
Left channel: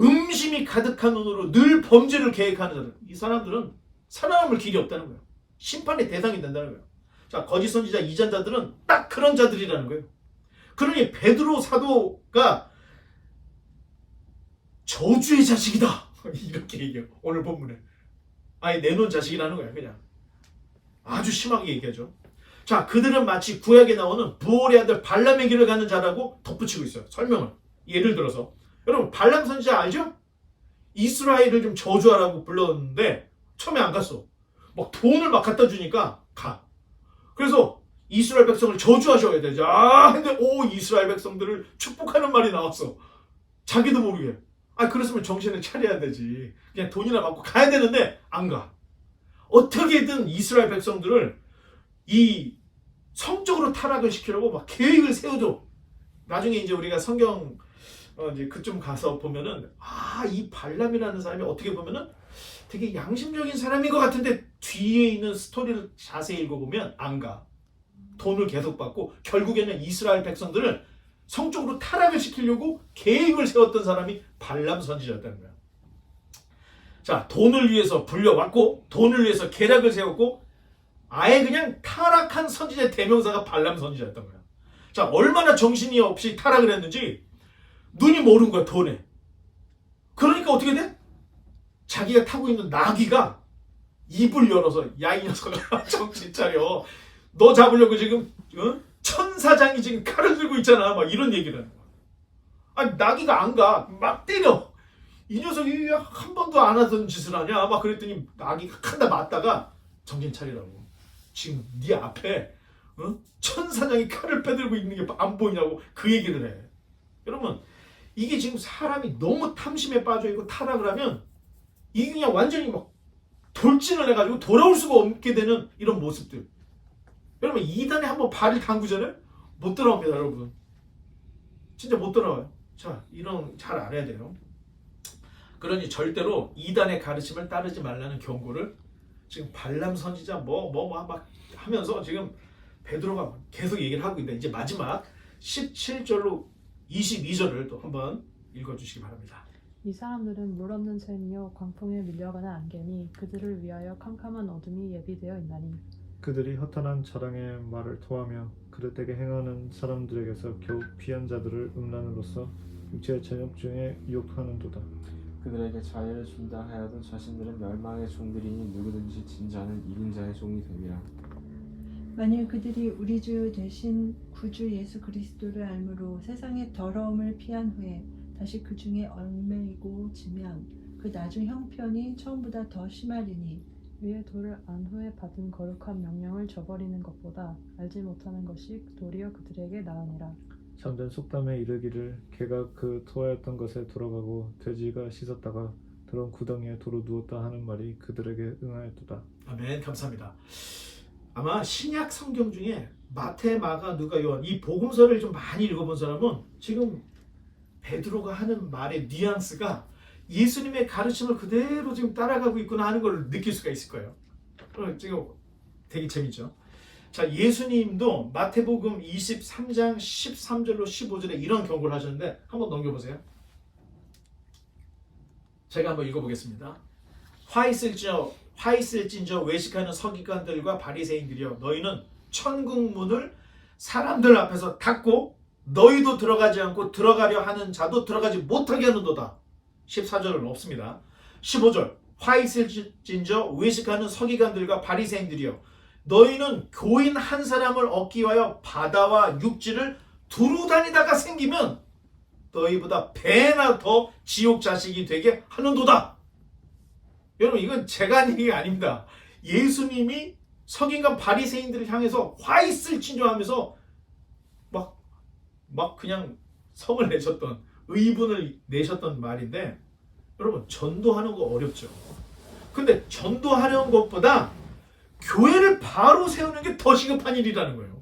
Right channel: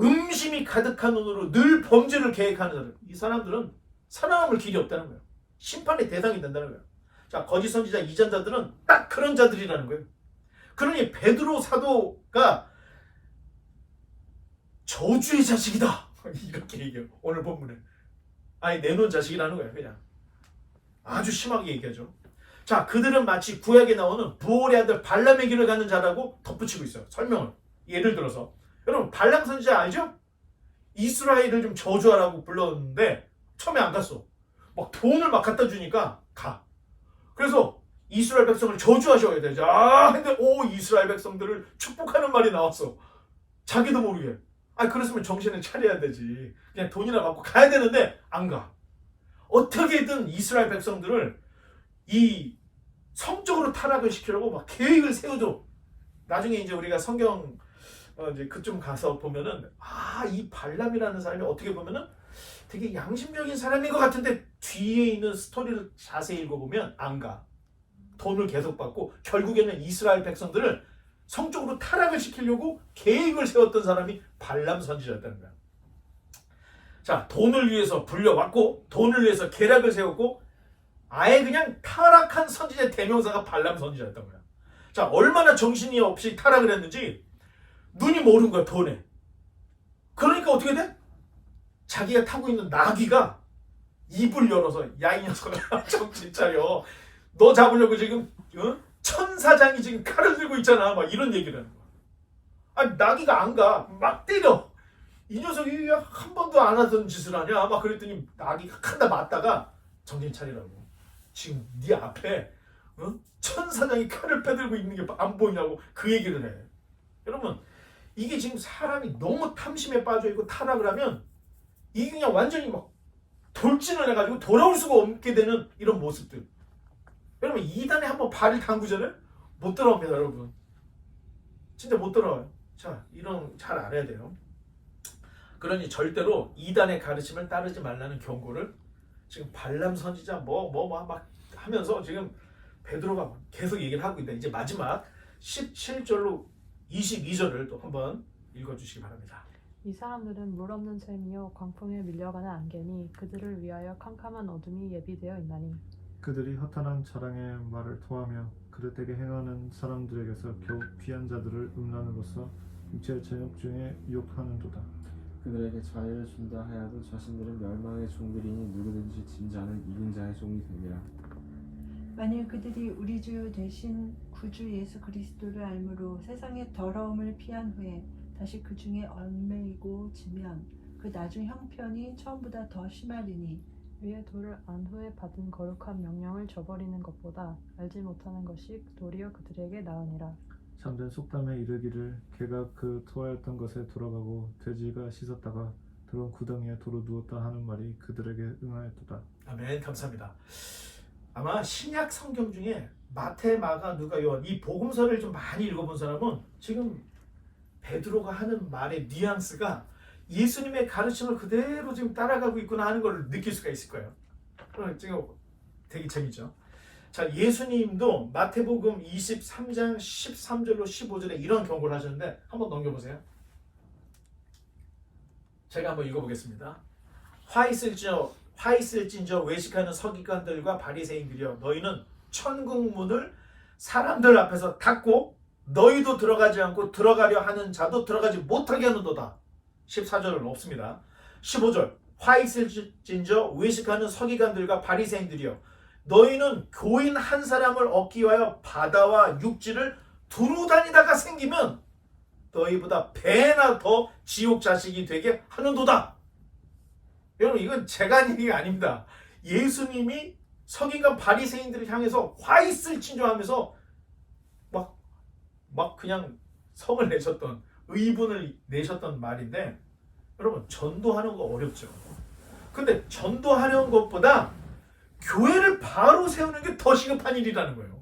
음심이 가득한 눈으로 늘 범죄를 계획하는 자들, 이 사람들은 살아남을 길이 없다는 거예요. 심판의 대상이 된다는 거예요. 자, 거짓 선지자 이전자들은 딱 그런 자들이라는 거예요. 그러니 베드로 사도가 저주의 자식이다 이렇게 얘기해요. 오늘 본문에 아예 내놓은 자식이라는 거예요. 그냥 아주 심하게 얘기하죠. 자, 그들은 마치 구약에 나오는 부올의 아들 발람의 길을 가는 자라고 덧붙이고 있어요. 설명을. 예를 들어서 여러분 발람 선지자 알죠? 이스라엘을 좀 저주하라고 불렀는데 처음에 안 갔어. 막 돈을 막 갖다 주니까 가. 그래서 이스라엘 백성을 저주하셔야 되죠. 근데 이스라엘 백성들을 축복하는 말이 나왔어. 자기도 모르게. 그랬으면 정신을 차려야 되지. 그냥 돈이나 받고 가야 되는데 안 가. 어떻게든 이스라엘 백성들을 이 성적으로 타락을 시키려고 막 계획을 세워줘. 나중에 이제 우리가 성경 이제 그쯤 가서 보면은 이 발람이라는 사람이 어떻게 보면은 되게 양심적인 사람인 것 같은데 뒤에 있는 스토리를 자세히 읽어보면 안 가. 돈을 계속 받고 결국에는 이스라엘 백성들을 성적으로 타락을 시키려고 계획을 세웠던 사람이 발람 선지자였다는 거야. 자, 돈을 위해서 불려왔고 돈을 위해서 계략을 세웠고 아예 그냥 타락한 선지자의 대명사가 발람 선지자였던 거야. 자, 얼마나 정신이 없이 타락을 했는지 눈이 모른 거야, 돈에. 그러니까 어떻게 돼? 자기가 타고 있는 나귀가 입을 열어서 야 이 녀석아 정신 차려. 너 잡으려고 지금 천사장이 지금 칼을 들고 있잖아. 막 이런 얘기를 하는 거야. 나귀가 안 가. 막 때려. 이 녀석이 한 번도 안 하던 짓을 하냐. 막 그랬더니 나귀가 한다 맞다가 정신 차리라고. 지금 네 앞에 천사장이 칼을 빼들고 있는 게 안 보이냐고 그 얘기를 해. 여러분 이게 지금 사람이 너무 탐심에 빠져있고 타락을 하면 이게 그냥 완전히 막 돌진을 해가지고 돌아올 수가 없게 되는 이런 모습들. 여러분 이단에 한번 발을 담그잖아요? 못 돌아옵니다 여러분. 진짜 못 돌아와요. 자, 이런 잘 알아야 돼요. 그러니 절대로 이단의 가르침을 따르지 말라는 경고를 지금 발람 선지자 막 하면서 지금 베드로가 계속 얘기를 하고 있다. 이제 마지막 17절로 22절을 또 한번 읽어주시기 바랍니다. 이 사람들은 물 없는 샘이요 광풍에 밀려가는 안개니 그들을 위하여 캄캄한 어둠이 예비되어 있나니 그들이 허탄한 자랑의 말을 토하며 그릇되게 행하는 사람들에게서 겨우 피한 자들을 음란으로써 육체의 저녁 중에 유혹하는도다. 그들에게 자유를 준다 하여도 자신들은 멸망의 종들이니 누구든지 진 자는 이긴 자의 종이 됨이라. 만일 그들이 우리 주 대신 구주 예수 그리스도를 알므로 세상의 더러움을 피한 후에 다시 그 중에 얽매이고 지면 그 나중 형편이 처음보다 더 심하리니 위에 돌을 안 후에 받은 거룩한 명령을 저버리는 것보다 알지 못하는 것이 도리어 그들에게 나으니라. 잠든 속담에 이르기를 개가 그 토하였던 것에 돌아가고 돼지가 씻었다가 더러운 구덩이에 도로 누웠다 하는 말이 그들에게 응하였도다. 아멘. 감사합니다. 아마 신약 성경 중에 마태, 마가, 누가, 요한 이 복음서를 좀 많이 읽어본 사람은 지금 베드로가 하는 말의 뉘앙스가 예수님의 가르침을 그대로 지금 따라가고 있구나 하는 걸 느낄 수가 있을 거예요. 지금 되게 재밌죠. 자, 예수님도 마태복음 23장 13절로 15절에 이런 경고를 하셨는데 한번 넘겨보세요. 제가 한번 읽어보겠습니다. 화 있을진저 외식하는 서기관들과 바리새인들이여 너희는 천국 문을 사람들 앞에서 닫고 너희도 들어가지 않고 들어가려 하는 자도 들어가지 못하게 하는도다. 14절은 없습니다. 15절 화 있을진저 외식하는 서기관들과 바리새인들이여 너희는 교인 한 사람을 얻기 위하여 바다와 육지를 두루 다니다가 생기면 너희보다 배나 더 지옥 자식이 되게 하는도다. 여러분 이건 제가 하는 얘기가 아닙니다. 예수님이 서기관 바리새인들을 향해서 화 있을진저 하면서 막 그냥 성을 내셨던 의분을 내셨던 말인데 여러분 전도하는 거 어렵죠. 근데 전도하려는 것보다 교회를 바로 세우는 게 더 시급한 일이라는 거예요.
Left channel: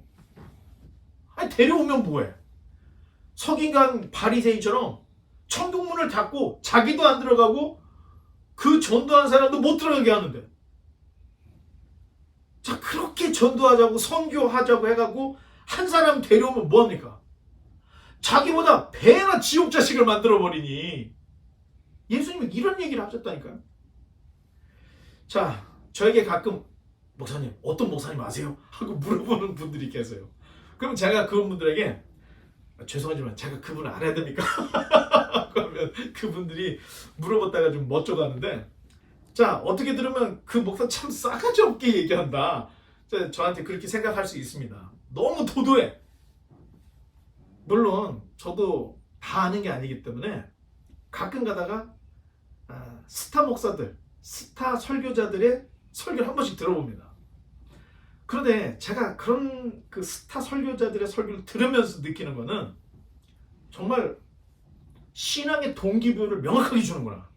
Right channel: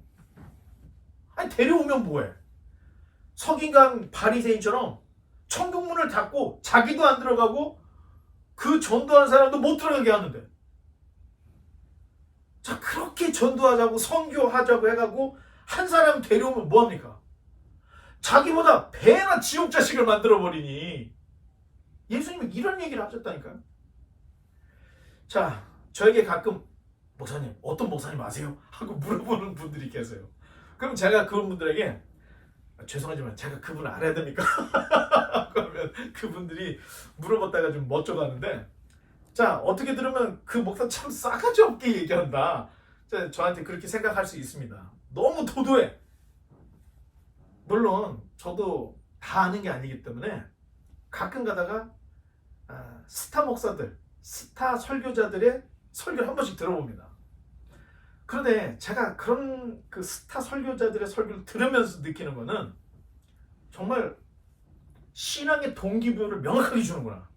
데려오면 뭐해? 서기관 바리새인처럼 천국문을 닫고 자기도 안 들어가고 그 전도한 사람도 못 들어가게 하는데 자 그렇게 전도하자고 선교하자고 해가지고 한 사람 데려오면 뭐합니까? 자기보다 배나 지옥 자식을 만들어버리니 예수님이 이런 얘기를 하셨다니까요. 자 저에게 가끔 목사님 어떤 목사님 아세요? 하고 물어보는 분들이 계세요. 그럼 제가 그런 분들에게 죄송하지만 제가 그분을 알아야 됩니까? 그러면 그분들이 물어봤다가 좀 멋져가는데 자 어떻게 들으면 그 목사 참 싸가지 없게 얘기한다. 저한테 그렇게 생각할 수 있습니다. 너무 도도해. 물론 저도 다 아는 게 아니기 때문에 가끔 가다가 스타 목사들, 스타 설교자들의 설교를 한 번씩 들어봅니다. 그런데 제가 그런 그 스타 설교자들의 설교를 들으면서 느끼는 거는 정말 신앙의 동기부여를 명확하게 주는구나.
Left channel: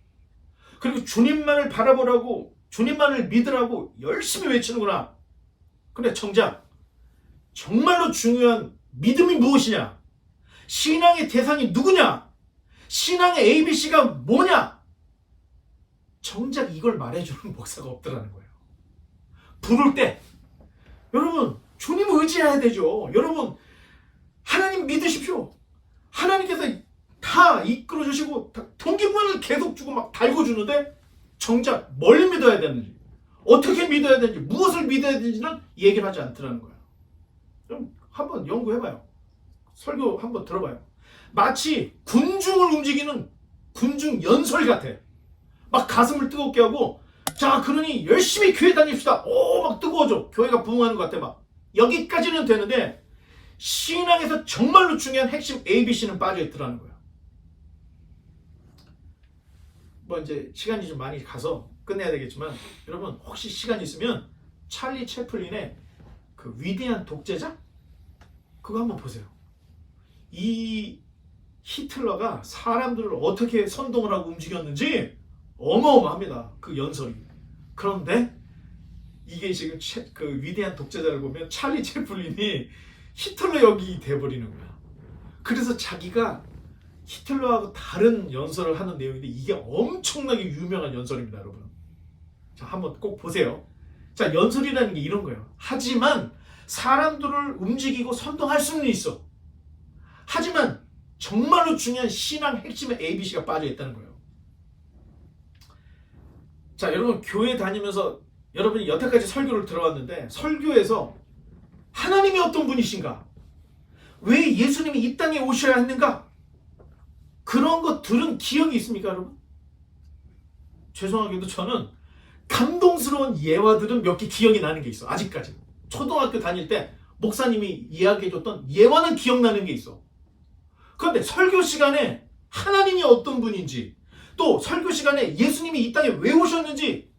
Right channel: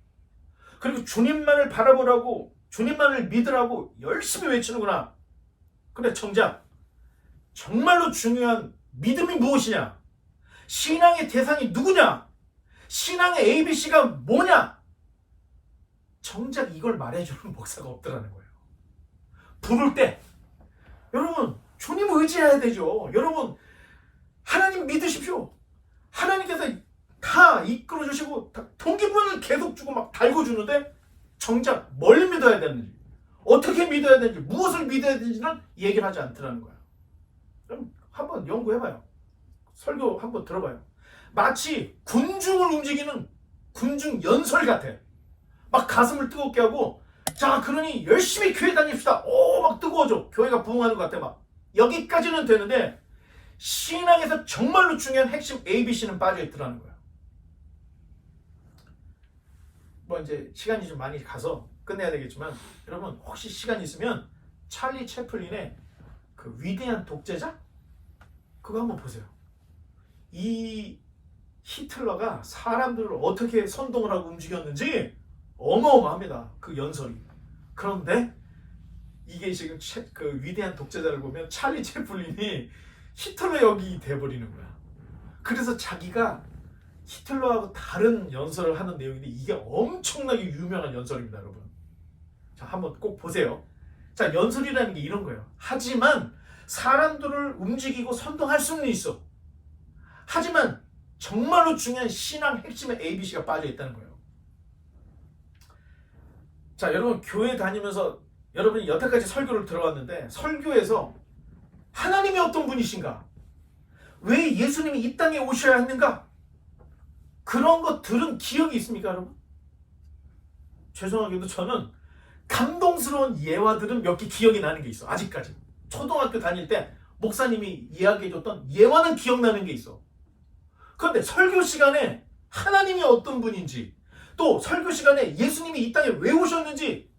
그리고 주님만을 바라보라고, 주님만을 믿으라고 열심히 외치는구나. 근데 정작 정말로 중요한 믿음이 무엇이냐? 신앙의 대상이 누구냐? 신앙의 ABC가 뭐냐? 정작 이걸 말해주는 목사가 없더라는 거예요. 부를 때 여러분 주님 의지해야 되죠. 여러분 하나님 믿으십시오. 하나님께서 다 이끌어 주시고 동기부여를 계속 주고 막 달궈주는데 정작 뭘 믿어야 되는지, 어떻게 믿어야 되는지, 무엇을 믿어야 되는지는 얘기를 하지 않더라는 거예요. 그럼 한번 연구해봐요. 설교 한번 들어봐요. 마치 군중을 움직이는 군중 연설 같아. 막 가슴을 뜨겁게 하고, 자 그러니 열심히 교회 다닙시다. 오 막 뜨거워져. 교회가 부흥하는 것 같아. 막 여기까지는 되는데 신앙에서 정말로 중요한 핵심 ABC는 빠져있더라는 거예요. 뭐 이제 시간이 좀 많이 가서 끝내야 되겠지만 여러분 혹시 시간 있으면 찰리 채플린의 그 위대한 독재자 그거 한번 보세요. 이 히틀러가 사람들을 어떻게 선동을 하고 움직였는지 어마어마합니다. 그 연설이. 그런데 이게 지금 그 위대한 독재자를 보면 찰리 채플린이 히틀러 역이 돼버리는 거야. 그래서 자기가 히틀러하고 다른 연설을 하는 내용인데 이게 엄청나게 유명한 연설입니다, 여러분. 자, 한번 꼭 보세요. 자, 연설이라는 게 이런 거예요. 하지만 사람들을 움직이고 선동할 수는 있어. 하지만 정말로 중요한 신앙 핵심의 ABC가 빠져 있다는 거예요. 자, 여러분 교회 다니면서 여러분이 여태까지 설교를 들어왔는데 설교에서 하나님이 어떤 분이신가? 왜 예수님이 이 땅에 오셔야 했는가? 그런 거 들은 기억이 있습니까, 여러분? 죄송하게도 저는 감동스러운 예화들은 몇 개 기억이 나는 게 있어. 아직까지. 초등학교 다닐 때 목사님이 이야기해줬던 예화는 기억나는 게 있어. 그런데 설교 시간에 하나님이 어떤 분인지, 또 설교 시간에 예수님이 이 땅에 왜 오셨는지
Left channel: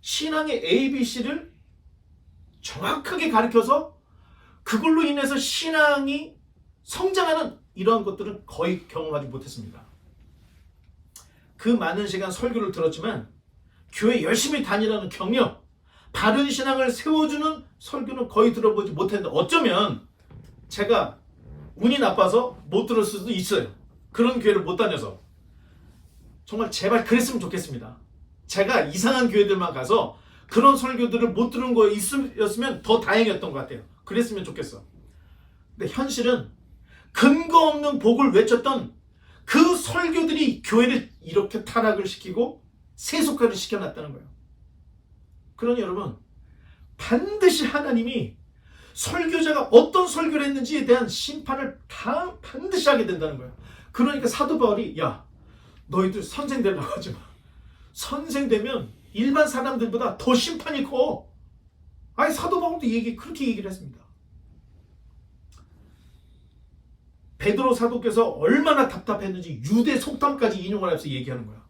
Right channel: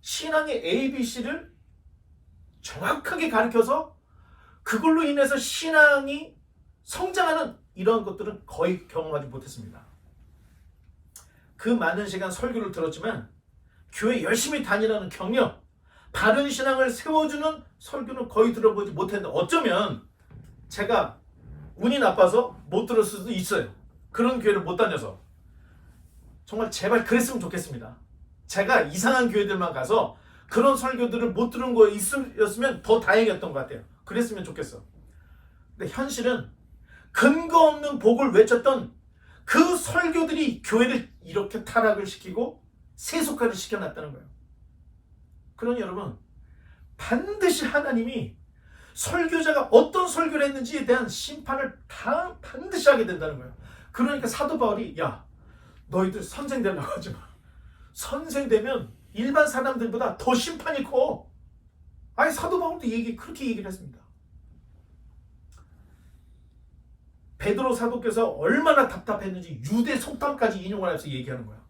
신앙의 ABC를 정확하게 가르쳐서 그걸로 인해서 신앙이 성장하는 이런 것들은 거의 경험하지 못했습니다. 그 많은 시간 설교를 들었지만 교회 열심히 다니라는 격려, 바른 신앙을 세워주는 설교는 거의 들어보지 못했는데 어쩌면 제가 운이 나빠서 못 들을 수도 있어요. 그런 교회를 못 다녀서. 정말 제발 그랬으면 좋겠습니다. 제가 이상한 교회들만 가서 그런 설교들을 못 들은 거였으면 더 다행이었던 것 같아요. 그랬으면 좋겠어. 근데 현실은 근거 없는 복을 외쳤던 그 설교들이 교회를 이렇게 타락을 시키고 세속화를 시켜놨다는 거예요. 그러니 여러분 반드시 하나님이 설교자가 어떤 설교를 했는지에 대한 심판을 반드시 하게 된다는 거예요. 그러니까 사도 바울이 야 너희들 선생 되려고 하지 마. 선생 되면 일반 사람들보다 더 심판이 커. 아니 사도 바울도 그렇게 얘기를 했습니다. 베드로 사도께서 얼마나 답답했는지 유대 속담까지 인용을 해서 얘기하는 거야.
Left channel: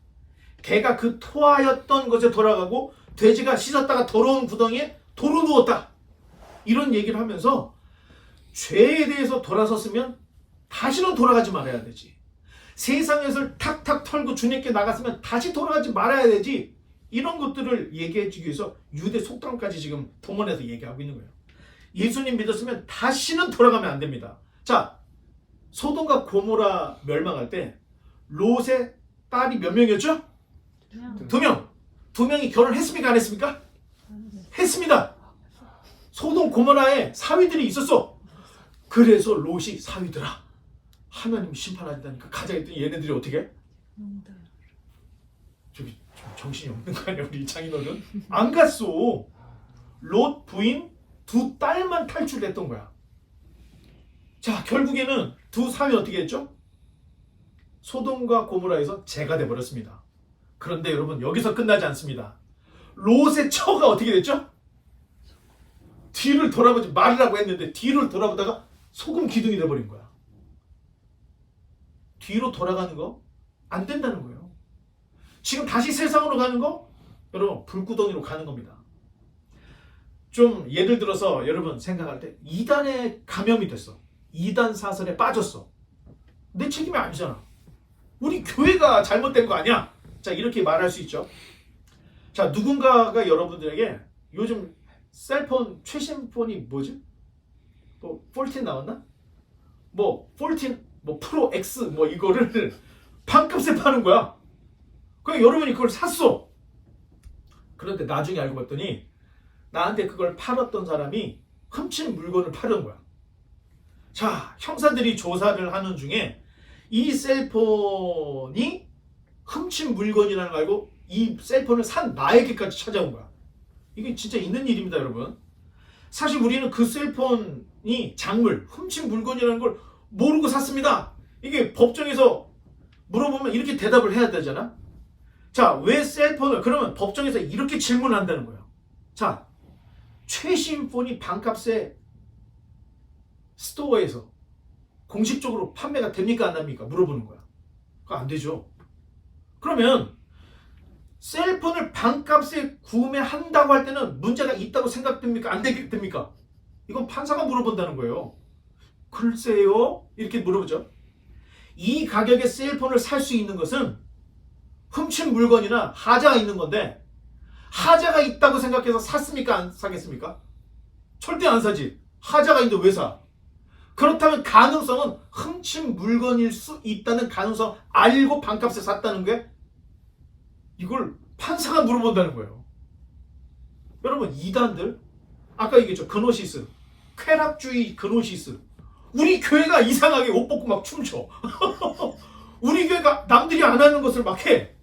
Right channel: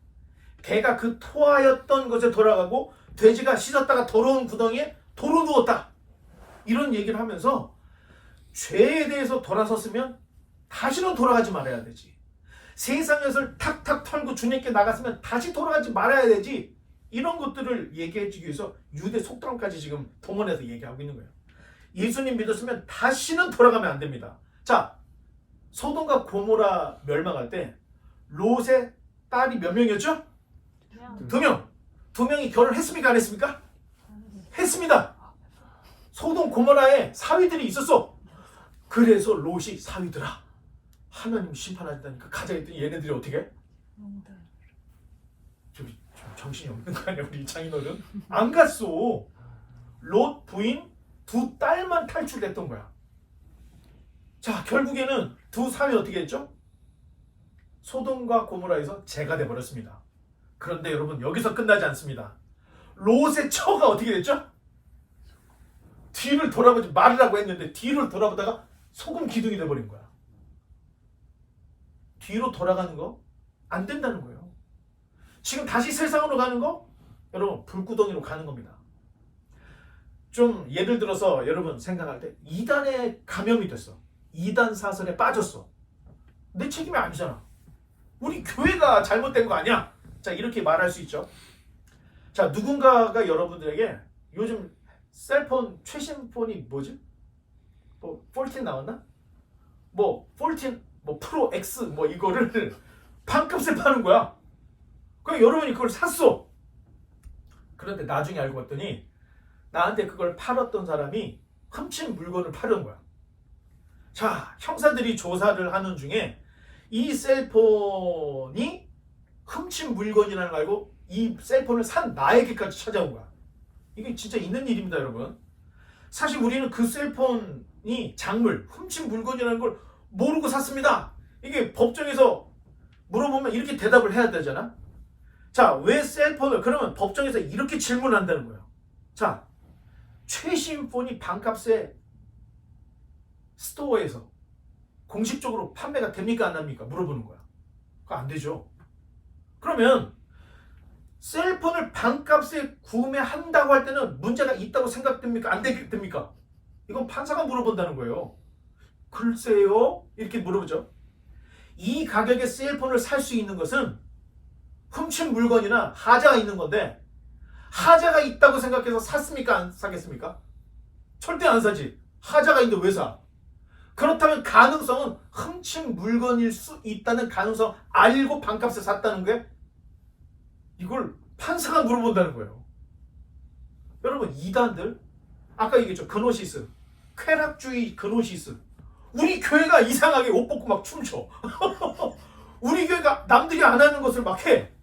개가 그 토하였던 것에 돌아가고 돼지가 씻었다가 더러운 구덩이에 도로 누웠다. 이런 얘기를 하면서 죄에 대해서 돌아섰으면 다시는 돌아가지 말아야 되지. 세상에서 탁탁 털고 주님께 나갔으면 다시 돌아가지 말아야 되지. 이런 것들을 얘기해 주기 위해서 유대 속담까지 지금 동원해서 얘기하고 있는 거예요. 예수님 믿었으면 다시는 돌아가면 안 됩니다. 자, 소돔과 고모라 멸망할 때 롯의 딸이 몇 명이었죠? 2명. 2명이 결혼했습니까? 안 했습니까? 했습니다. 소돔 고모라에 사위들이 있었어. 그래서 롯이 사위들아 하나님이 심판하신다니까 가자 했더니 얘네들이 어떻게 해? 좀 정신이 없는 거 아니야 우리 장인어른? 안 갔어. 롯 부인 2 딸만 탈출했던 거야. 자 결국에는 2 사위 어떻게 했죠? 소돔과 고모라에서 재가 돼버렸습니다. 그런데 여러분 여기서 끝나지 않습니다. 롯의 처가 어떻게 됐죠? 뒤를 돌아보지 말으라고 했는데 뒤를 돌아보다가 소금 기둥이 돼버린 거야. 뒤로 돌아가는 거 안 된다는 거예요. 지금 다시 세상으로 가는 거 여러분 불구덩이로 가는 겁니다. 좀 예를 들어서 여러분 생각할 때 이단에 감염이 됐어. 이단 사설에 빠졌어. 내 책임이 아니잖아. 우리 교회가 잘못된 거 아니야? 자, 이렇게 말할 수 있죠. 자, 누군가가 여러분들에게 요즘 셀폰 최신 폰이 뭐지? 뭐 14 나왔나? 뭐 14, 뭐 프로 X 뭐 이거를 반값에 파는 거야. 그럼 여러분이 그걸 샀어. 그런데 나중에 알고 봤더니 나한테 그걸 팔았던 사람이 훔친 물건을 팔은 거야. 자, 형사들이 조사를 하는 중에 이 셀폰이 훔친 물건이라는 걸 알고 이 셀폰을 산 나에게까지 찾아온 거야. 이게 진짜 있는 일입니다, 여러분. 사실 우리는 그 셀폰이 작물, 훔친 물건이라는 걸 모르고 샀습니다. 이게 법정에서 물어보면 이렇게 대답을 해야 되잖아. 자, 왜 셀폰을, 그러면 법정에서 이렇게 질문한다는 거예요. 자, 최신 폰이 반값에 스토어에서 공식적으로 판매가 됩니까 안 됩니까? 물어보는 거야. 그거 안 되죠. 그러면 셀폰을 반값에 구매한다고 할 때는 문제가 있다고 생각됩니까? 안 됩니까? 이건 판사가 물어본다는 거예요. 글쎄요? 이렇게 물어보죠. 이 가격에 셀폰을 살 수 있는 것은 훔친 물건이나 하자가 있는 건데 하자가 있다고 생각해서 샀습니까? 안 사겠습니까? 절대 안 사지. 하자가 있는데 왜 사? 그렇다면 가능성은 훔친 물건일 수 있다는 가능성 알고 반값에 샀다는 게 이걸 판사가 물어본다는 거예요. 여러분 이단들 아까 얘기했죠. 그노시스 쾌락주의 그노시스 우리 교회가 이상하게 옷 벗고 막 춤춰. 우리 교회가 남들이 안 하는 것을 막 해.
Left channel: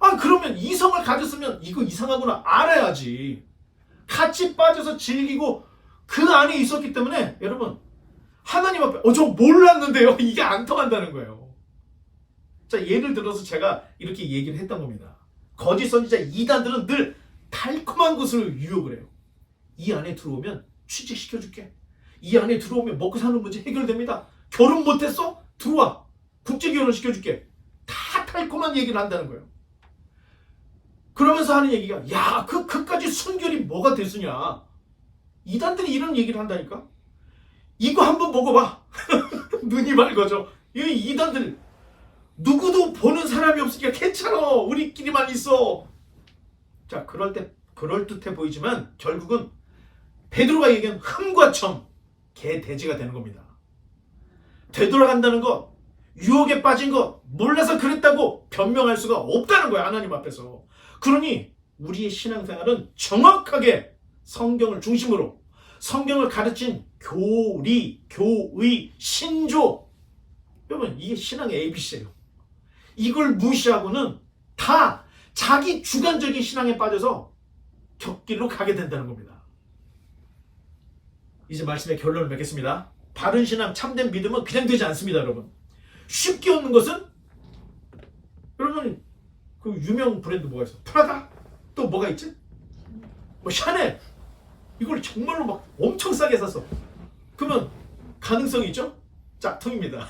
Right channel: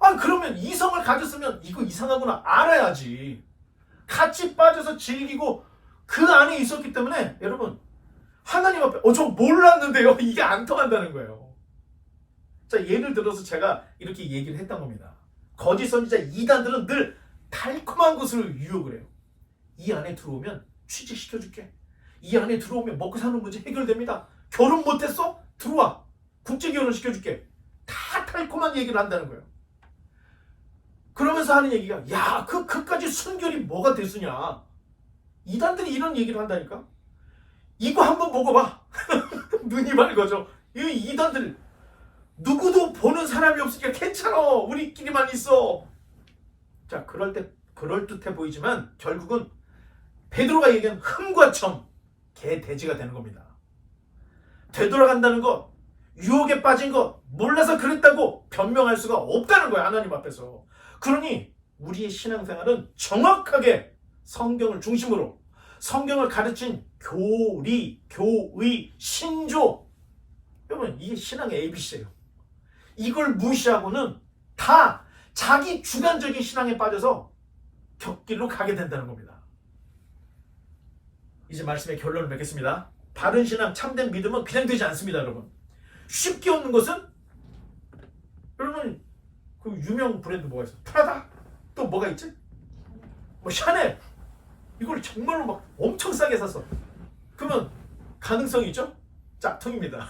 아 그러면 이성을 가졌으면 이거 이상하구나 알아야지. 같이 빠져서 즐기고 그 안에 있었기 때문에 여러분 하나님 앞에 저 몰랐는데요. 이게 안 통한다는 거예요. 자 예를 들어서 제가 이렇게 얘기를 했던 겁니다. 거짓 선지자 이단들은 늘 달콤한 것을 유혹을 해요. 이 안에 들어오면 취직시켜줄게. 이 안에 들어오면 먹고 사는 문제 해결됩니다. 결혼 못했어? 들어와. 국제결혼 시켜줄게. 다 달콤한 얘기를 한다는 거예요. 그러면서 하는 얘기가 야 그까지 순결이 뭐가 됐으냐. 이단들이 이런 얘기를 한다니까. 이거 한번 먹어봐. 눈이 맑아져. 이 이단들 누구도 보는 사람이 없으니까 괜찮아. 우리끼리만 있어. 자 그럴듯해 보이지만 결국은 베드로가 얘기한 흠과 점 개돼지가 되는 겁니다. 되돌아간다는 것 유혹에 빠진 것 몰라서 그랬다고 변명할 수가 없다는 거야. 하나님 앞에서. 그러니 우리의 신앙생활은 정확하게 성경을 중심으로 성경을 가르친 교리, 교의, 신조 여러분 이게 신앙의 ABC예요. 이걸 무시하고는 다 자기 주관적인 신앙에 빠져서 격길로 가게 된다는 겁니다. 이제 말씀의 결론을 맺겠습니다. 바른 신앙, 참된 믿음은 그냥 되지 않습니다. 여러분 쉽게 얻는 것은 여러분 그 유명 브랜드 뭐가 있어? 프라다? 또 뭐가 있지? 뭐 샤넬 이걸 정말로 막 엄청 싸게 샀어. 그러면 가능성이 있죠? 짝퉁입니다.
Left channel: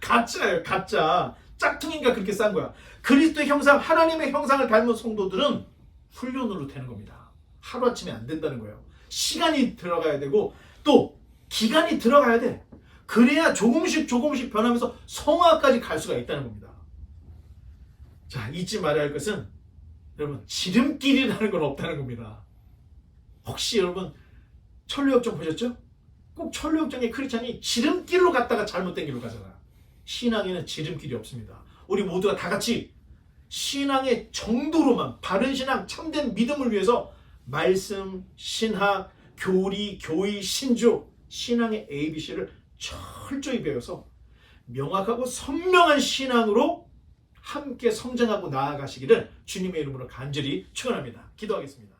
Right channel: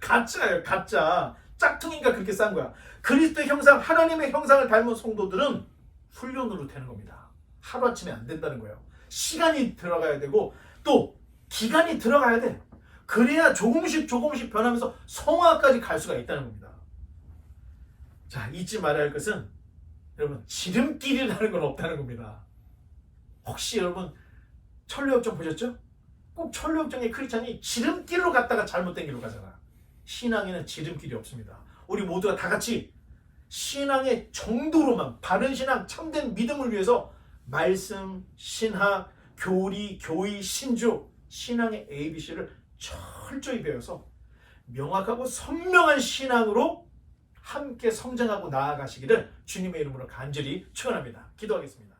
가짜예요. 가짜. 짝퉁인가 그렇게 싼 거야. 그리스도의 형상 하나님의 형상을 닮은 성도들은 훈련으로 되는 겁니다. 하루아침에 안 된다는 거예요. 시간이 들어가야 되고 또 기간이 들어가야 돼. 그래야 조금씩 변하면서 성화까지 갈 수가 있다는 겁니다. 자 잊지 말아야 할 것은 여러분 지름길이라는 건 없다는 겁니다. 혹시 여러분 천루역정 보셨죠? 꼭 천루역정의 크리스찬이 지름길로 갔다가 잘못된 길로 가잖아. 신앙에는 지름길이 없습니다. 우리 모두가 다 같이 신앙의 정도로만 바른 신앙 참된 믿음을 위해서 말씀, 신학, 교리, 교의, 신조 신앙의 ABC를 철저히 배워서 명확하고 선명한 신앙으로 함께 성장하고 나아가시기를 주님의 이름으로 간절히 축원합니다. 기도하겠습니다.